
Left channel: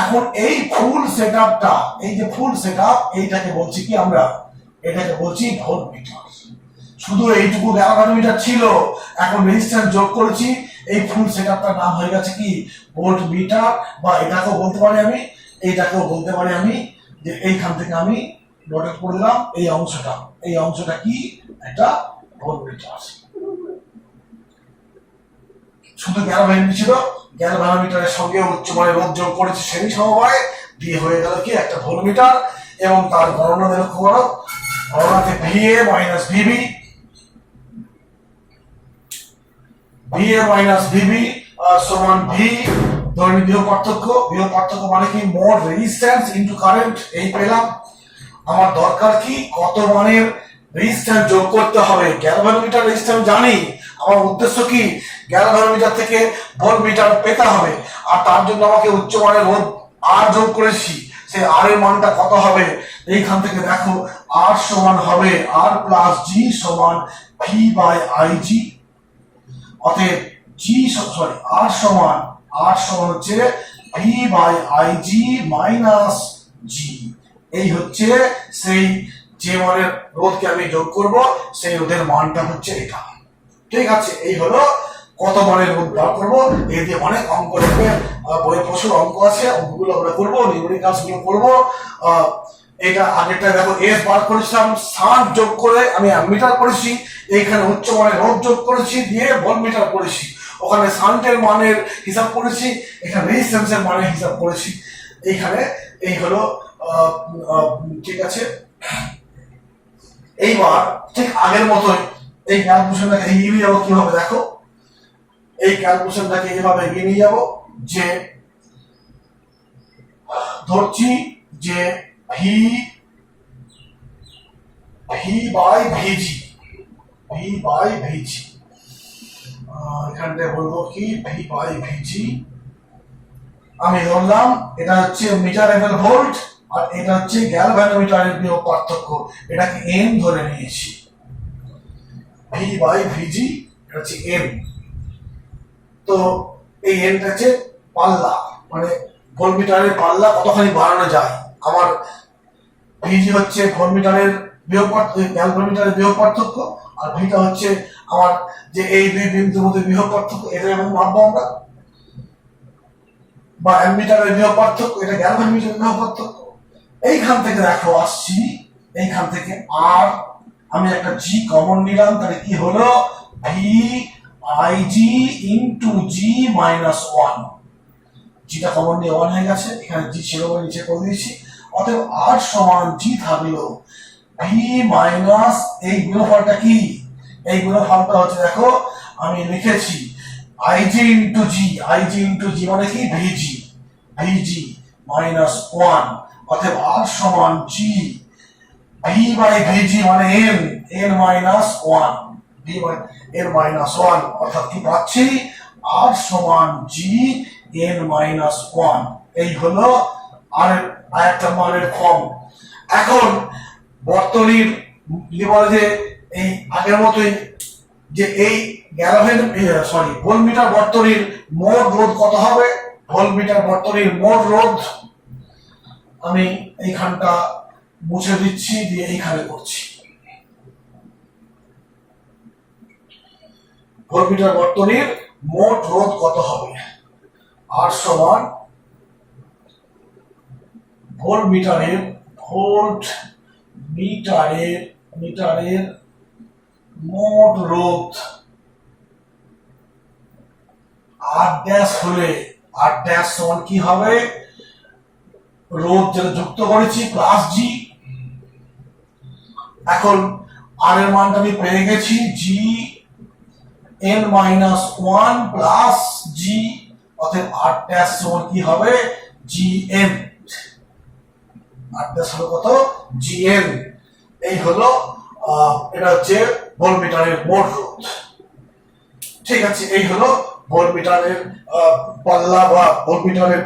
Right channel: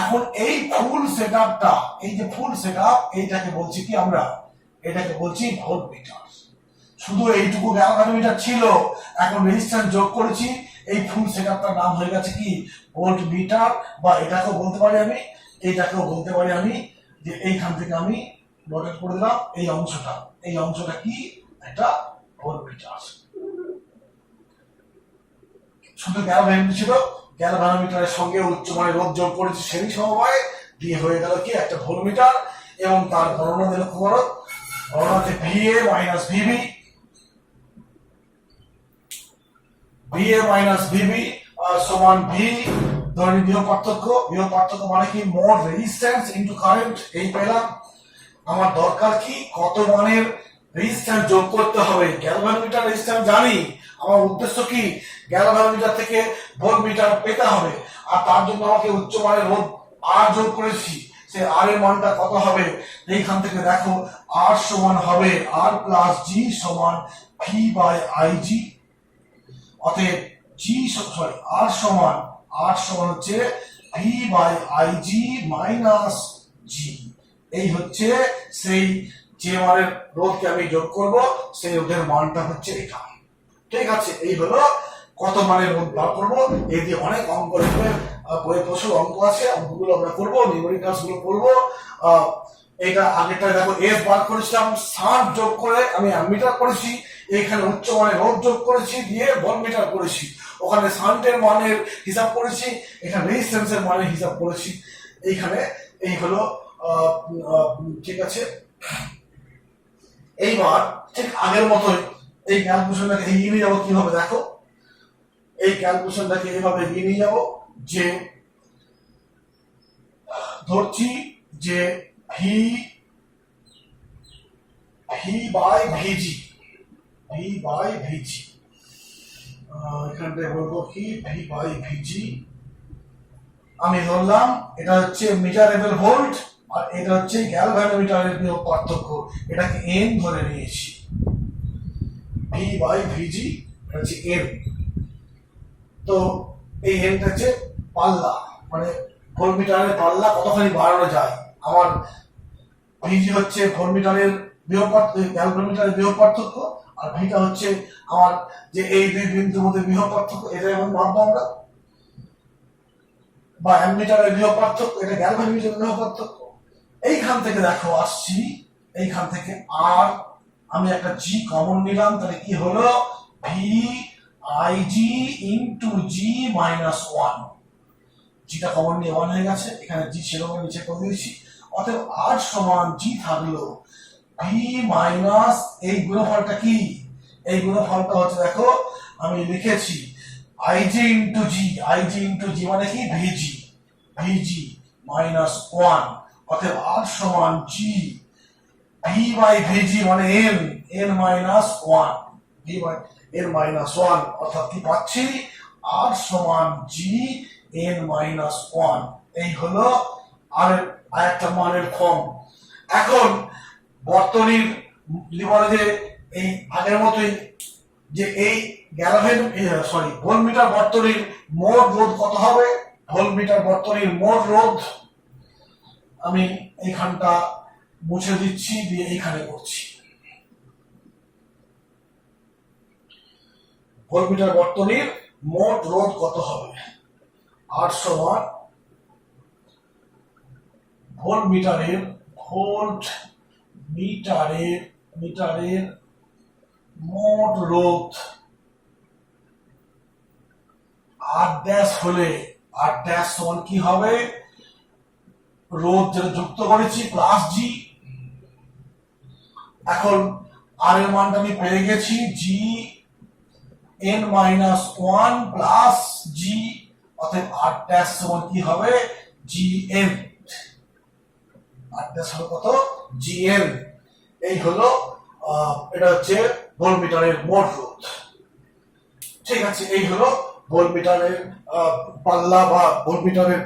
এখন এই ফুল সেটআপটা, এই যে ফুল সেটআপ, এইটাকে বলছি কি আমরা, এটাকে বলছি ভোল্টমিটার। শুধু এইটুকু গ্যালভানোমিটার ছিল, এখন রেজিস্ট্যান্স যোগ করেছি, এই ফুল সেটআপটার নাম হয়ে গেছে কি ভোল্টমিটার। বা এটাকেও বলতে পারি আমি, এইটাকেও বলতে পারি আমি যে এইখান থেকে আমি নোটেট করে দিলাম, এই অংশটা কি একটা ভোল্টমিটার। শুধু গ্যালভানোমিটার ছিল, গ্যালভানোমিটারের সঙ্গে উচ্চমানের রোধ যোগ করেছি সেই সমবায় দিয়ে হয়ে গেল কি একটা ভোল্টমিটার। এবং তার গণনা দিয়ে লক্ষ্য করো, গণনাতে VA minus VB, VA minus VB সমান ভি ধরে বিভব পার্থক্য মানে কি মোট রেজিস্ট্যান্স ইনটু কারেন্ট, এই পেলাম। আমার দরকার কি কত মানের রেজিস্ট্যান্স যোগ করতে হবে। গ্যালভানোমিটার রেজিস্ট্যান্স জানি, আমার উদ্দেশ্য কি গ্যালভানোমিটার থেকে ভোল্টমিটার পেতে হবে, আর তার জন্য আমাকে উচ্চ মানের রোধ আর যোগ করেছি। সেই আর এর মানটা কত হবে, এইখান থেকে দেখো আর সমান হবে আর প্লাস জি সমান ভি বাই আই জি। অতএব আর সমান হচ্ছে V by I G minus G. এই হচ্ছে সেই যে মানের রোধকে আমি যোগ করব, সেই রোধের মানটা হচ্ছে এটা। ঠিক আছে, এই হলো কত মানের রোধ বার করবো। এই দিয়ে অনেক অঙ্ক লিখবে, বইয়ে প্রচুর অঙ্ক আছে, অঙ্কগুলো আমরা করবো, নিউমেরিক্যালস গুলো করবো। এটা আগেরটা দেখো এস বার করেছিলাম, সান যোগ করে আমি অ্যামমিটার করেছি, এইখানে উচ্চ মানের রোধ যোগ করেছি, দিয়ে ভোল্টমিটার করেছি। ওখানে সান্টের মানের হিসাব করেছি, এখানে রেজিস্ট্যান্সের মানের হিসাব করেছি। এইখানে এই হলো ঠিক আছে। এইবার ঠিক আগের মতোই এই ক্যালকুলেশনটাকে এগিয়ে নিয়ে যাবো। কিভাবে দেখো, এই ক্যালকুলেশনটাকে এভাবে এগিয়ে নিয়ে যাবো যে ধরছি যে ভি বাই ভিজি, এখানটায় বলবো কি ভি বাই ভিজি। আমি ধরলাম এটা হচ্ছে মিটার এমএল ভোল্ট, আর এটা হচ্ছে গ্যালভানোমিটারের বিভব পার্থক্য, এটাকে এন ধরে নিয়েছি। ভি বাই ভিজি এটা হচ্ছে এন। তো এই এনটা হচ্ছে পাল্লা, মানে ভোল্টমিটারের পাল্লা কতখানি বাড়ানো যায়। আমার ভিজি হচ্ছে ভোল্টমিটারের বিভব পার্থক্য, গ্যালভানোমিটারের বিভব পার্থক্য, আর ভিটা হচ্ছে আমার যে এই দুই বিন্দুর মধ্যে বিভব পার্থক্য, এটা এবং মাপবো আমরা। বা অ্যামমিটারের বিভব পার্থক্য, এটা গ্যালভানোমিটারের বিভব পার্থক্য। এইখান থেকে দেখো আসছি, এইখান থেকে আর আমি একটা জি কমন নিলাম, তাহলে কি হলো V I G into G minus one. জিটা কমন নিয়ে ওয়ান হয়ে গেছে, এখানে জি ছিল বলে নিচে করে দিয়েছি। অতএব আর সমান জি থাকলো ভি মাইনাস এই গুণফলটা কি, এই গুণফলটা হচ্ছে দেখো আমি লিখেছি আইজি ইন্টু জি মানে কি ভিজি মাইনাস ওয়ান। অতএব আর সমান জি ভি বাই ভিজি মানে N minus one, V by N minus one. অর্থাৎ কি পাচ্ছি আর সমান জি এন মাইনাস ওয়ান। এই হলো আর একটা মানের ফর্ম। এখন বর্তনীর লিভারে এই আগের মতোই যে এই ভোল্টমিটার বর্তনীর মোট রোধ কত হবে, ভোল্টমিটার বর্তনীর মোট রোধ আমি এইখানটা মুছে দিচ্ছি, দিয়ে এইখানে করছি। ভোল্টমিটার বর্তনীর মোট রোধ কত হবে, আর সমান ভোল্টমিটারের মোট রোধ আর ড্যাশ হলে আর ড্যাশ সমান কি হবে, রোধ যেটা যুক্ত করেছি প্লাস জি। এখন আর এর মানটা আমি পেয়ে গেছি G N minus one plus G. অতএব আর ড্যাশ সমান কি হবে জি এন, আর ড্যাশ হলো কত জি এন। এই হলো এটা হচ্ছে ভোল্টমিটারের মোট রোধ। ঠিক আছে, এই হলো ভোল্টমিটারের পাল্লা বা ভোল্টমিটারের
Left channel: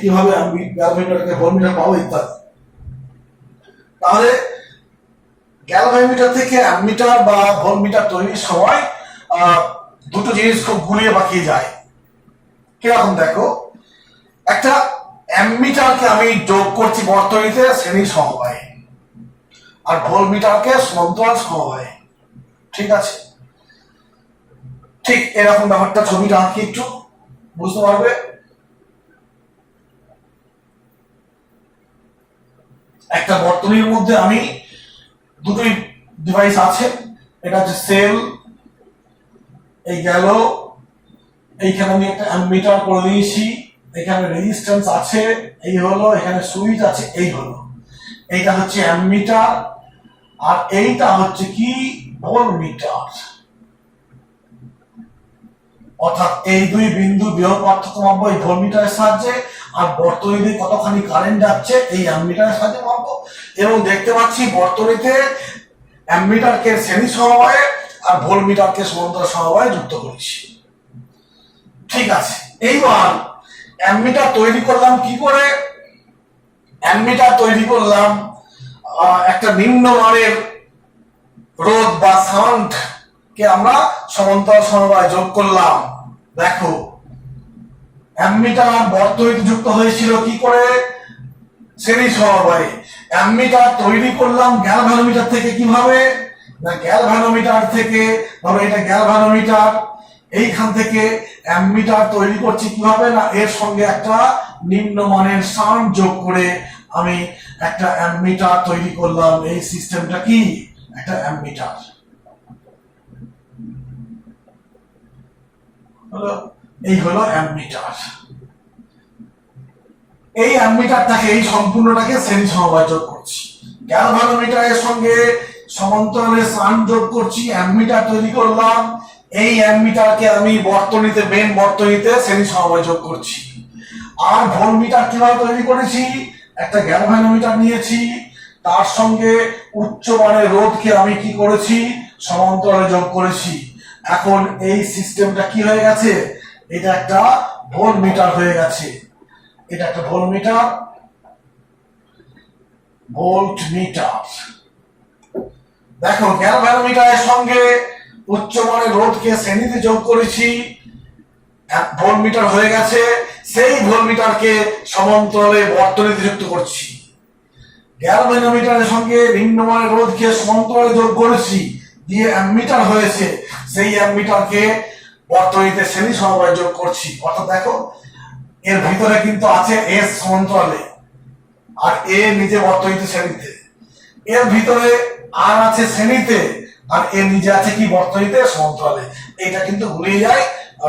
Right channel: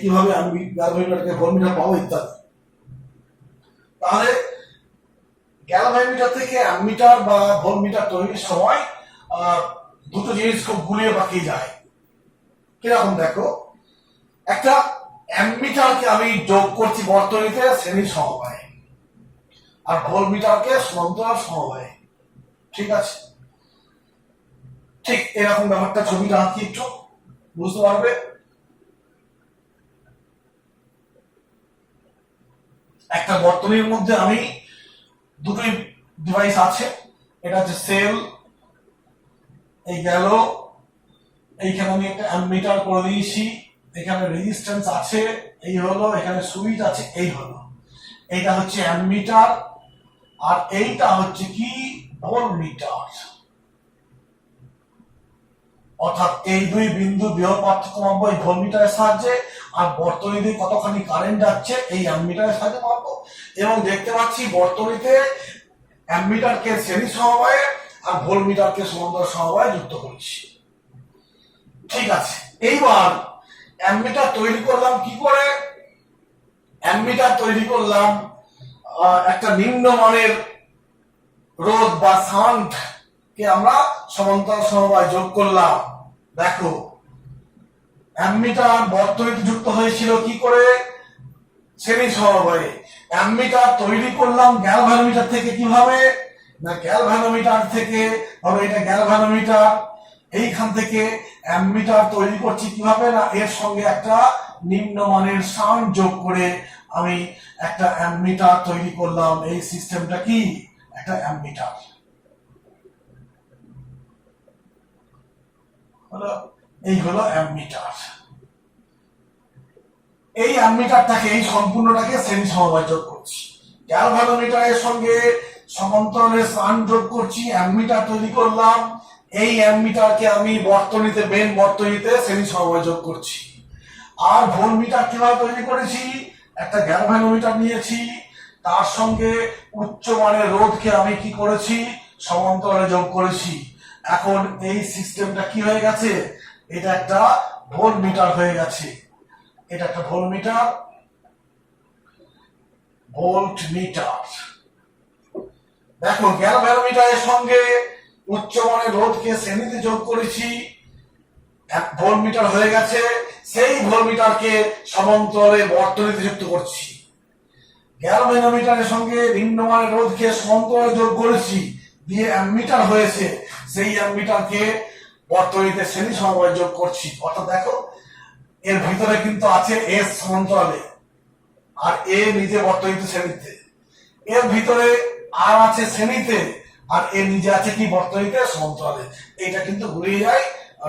কিভাবে আমি গ্যালভানোমিটারকে ভোল্টমিটার পাবো ইত্যাদি। তাহলে গ্যালভানোমিটার থেকে অ্যামমিটার বা ভোল্টমিটার তৈরির সময় দুটো জিনিস খুব গুলিয়ে বাকিয়ে যায়। কিরকম দেখো, একটা অ্যামমিটারকে আমি যোগ করছি বর্তনীতে শ্রেণী সমবায়ে, আর ভোল্টমিটারকে সমান্তরাল সমবায়ে। ঠিক আছে, ঠিক এরকম ব্যাপারটা ছবিটা আঁকি, একটু বুঝতে পারবে। একটা বর্তনীর মধ্যে আমি দুটোই ডিভাইস আছে, এটা হচ্ছে সেল, এই গেল, এইখানে আমি একটা অ্যামমিটার করে দিয়েছি, এখানে রেজিস্ট্যান্স আছে, এই হলো, এখানে সুইচ আছে, এই হলো, এইটা হচ্ছে অ্যামমিটার, আর এইটা হচ্ছে কি ভোল্টমিটার। অর্থাৎ এই দুই বিন্দু বৃহৎ পার্থক্য মাপবো এই ভোল্টমিটারের সাহায্যে, আর বর্তনীতে কতখানি কারেন্ট যাচ্ছে এই অ্যামমিটারের সাহায্যে মাপবো। এবং দেখতে পাচ্ছি বর্তনীতে অ্যামমিটারকে শ্রেণী সমবায়ে আর ভোল্টমিটারকে সমান্তরাল সমবায়ে যুক্ত করেছি। ঠিক আছে, এইবার অ্যামমিটার তৈরি করলাম কি করে? অ্যামমিটার তৈরি করলাম একটা নিম্নমানের রোধ বা সাউন্ড কে আমরা সমান্তরাল সমবায়ে যোগ করলাম। দেখো অ্যামমিটার বর্তনীতে যুক্ত হয়েছিল কি করে? শ্রেণী সমবায়ে। অ্যামমিটার তৈরি করলাম গ্যালভানোমিটার থেকে কিভাবে? না গ্যালভানোমিটার থেকে, ধরো এটা গ্যালভানোমিটার, এইখান থেকে অ্যামমিটার তৈরি করছি কিভাবে? না এর সঙ্গে একটা নিম্নমানের শান্ট যোগ করে আমি একটা অ্যামমিটার তৈরি করলাম। এই সিস্টেমটা কি? একটা অ্যামমিটার। এই হলো অ্যামমিটার। এই অ্যামমিটারটাকে, এই সম্পূর্ণটাকে শ্রেণী সমবায়ে যোগ করছি। গ্যালভানোমিটারের সঙ্গে সমান্তরালে শান্ট যোগ করছি, অ্যামমিটার তৈরি করলাম। এই অ্যামমিটারকে আমি বর্তনীতে, মেন বর্তনীতে শ্রেণী সমবায়ে যোগ করছি। আর ভোল্টমিটার কিভাবে তৈরি করেছি? একটা গ্যালভানোমিটার নিয়েছি, তার সঙ্গে উচ্চমানের রোধকে আমি কি করেছি? সমান্তরালে যোগ করেছি। এখন এই সিস্টেমটা কি হয়ে গেছে? এটা একটা ভোল্টমিটার হয়ে গেছে। এটা একটা ভোল্টমিটার। ভোল্টমিটার দেখো গ্যালভানোমিটারের সঙ্গে উচ্চমানের রোধকে শ্রেণীতে যোগ করেছি, ভোল্টমিটার হয়ে গেছে। সেই ভোল্টমিটারকে সমান্তরালে বর্তনীতে যুক্ত করছি। গ্যালভানোমিটারের সঙ্গে নিম্নমানের রোধকে সমান্তরালে যোগ করেছি, দিয়ে অ্যামমিটার হয়েছে। সেই অ্যামমিটারকে বর্তনীতে শ্রেণী সমবায়ে যোগ করছি। অর্থাৎ দেখো এর ভিতরে কিন্তু আছে এস সমান্তরালে, আর এ নিজে বর্তনীতে শ্রেণীতে। এর ভিতরে আর আছে শ্রেণীতে, আর এ নিজে আছে কি? বর্তনীতে সমান্তরালে। এটা কিন্তু ভুলে যায়।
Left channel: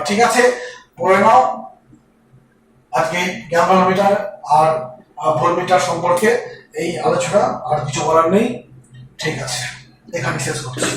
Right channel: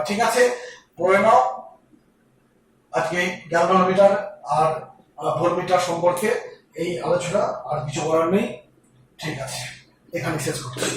ঠিক আছে, পড়ে নাও আজকে গ্যালভানোমিটার আর ভোল্টমিটার সম্পর্কে এই আলোচনা। আর কিছু বলার নেই। ঠিক আছে, এখানে শেষ করছি।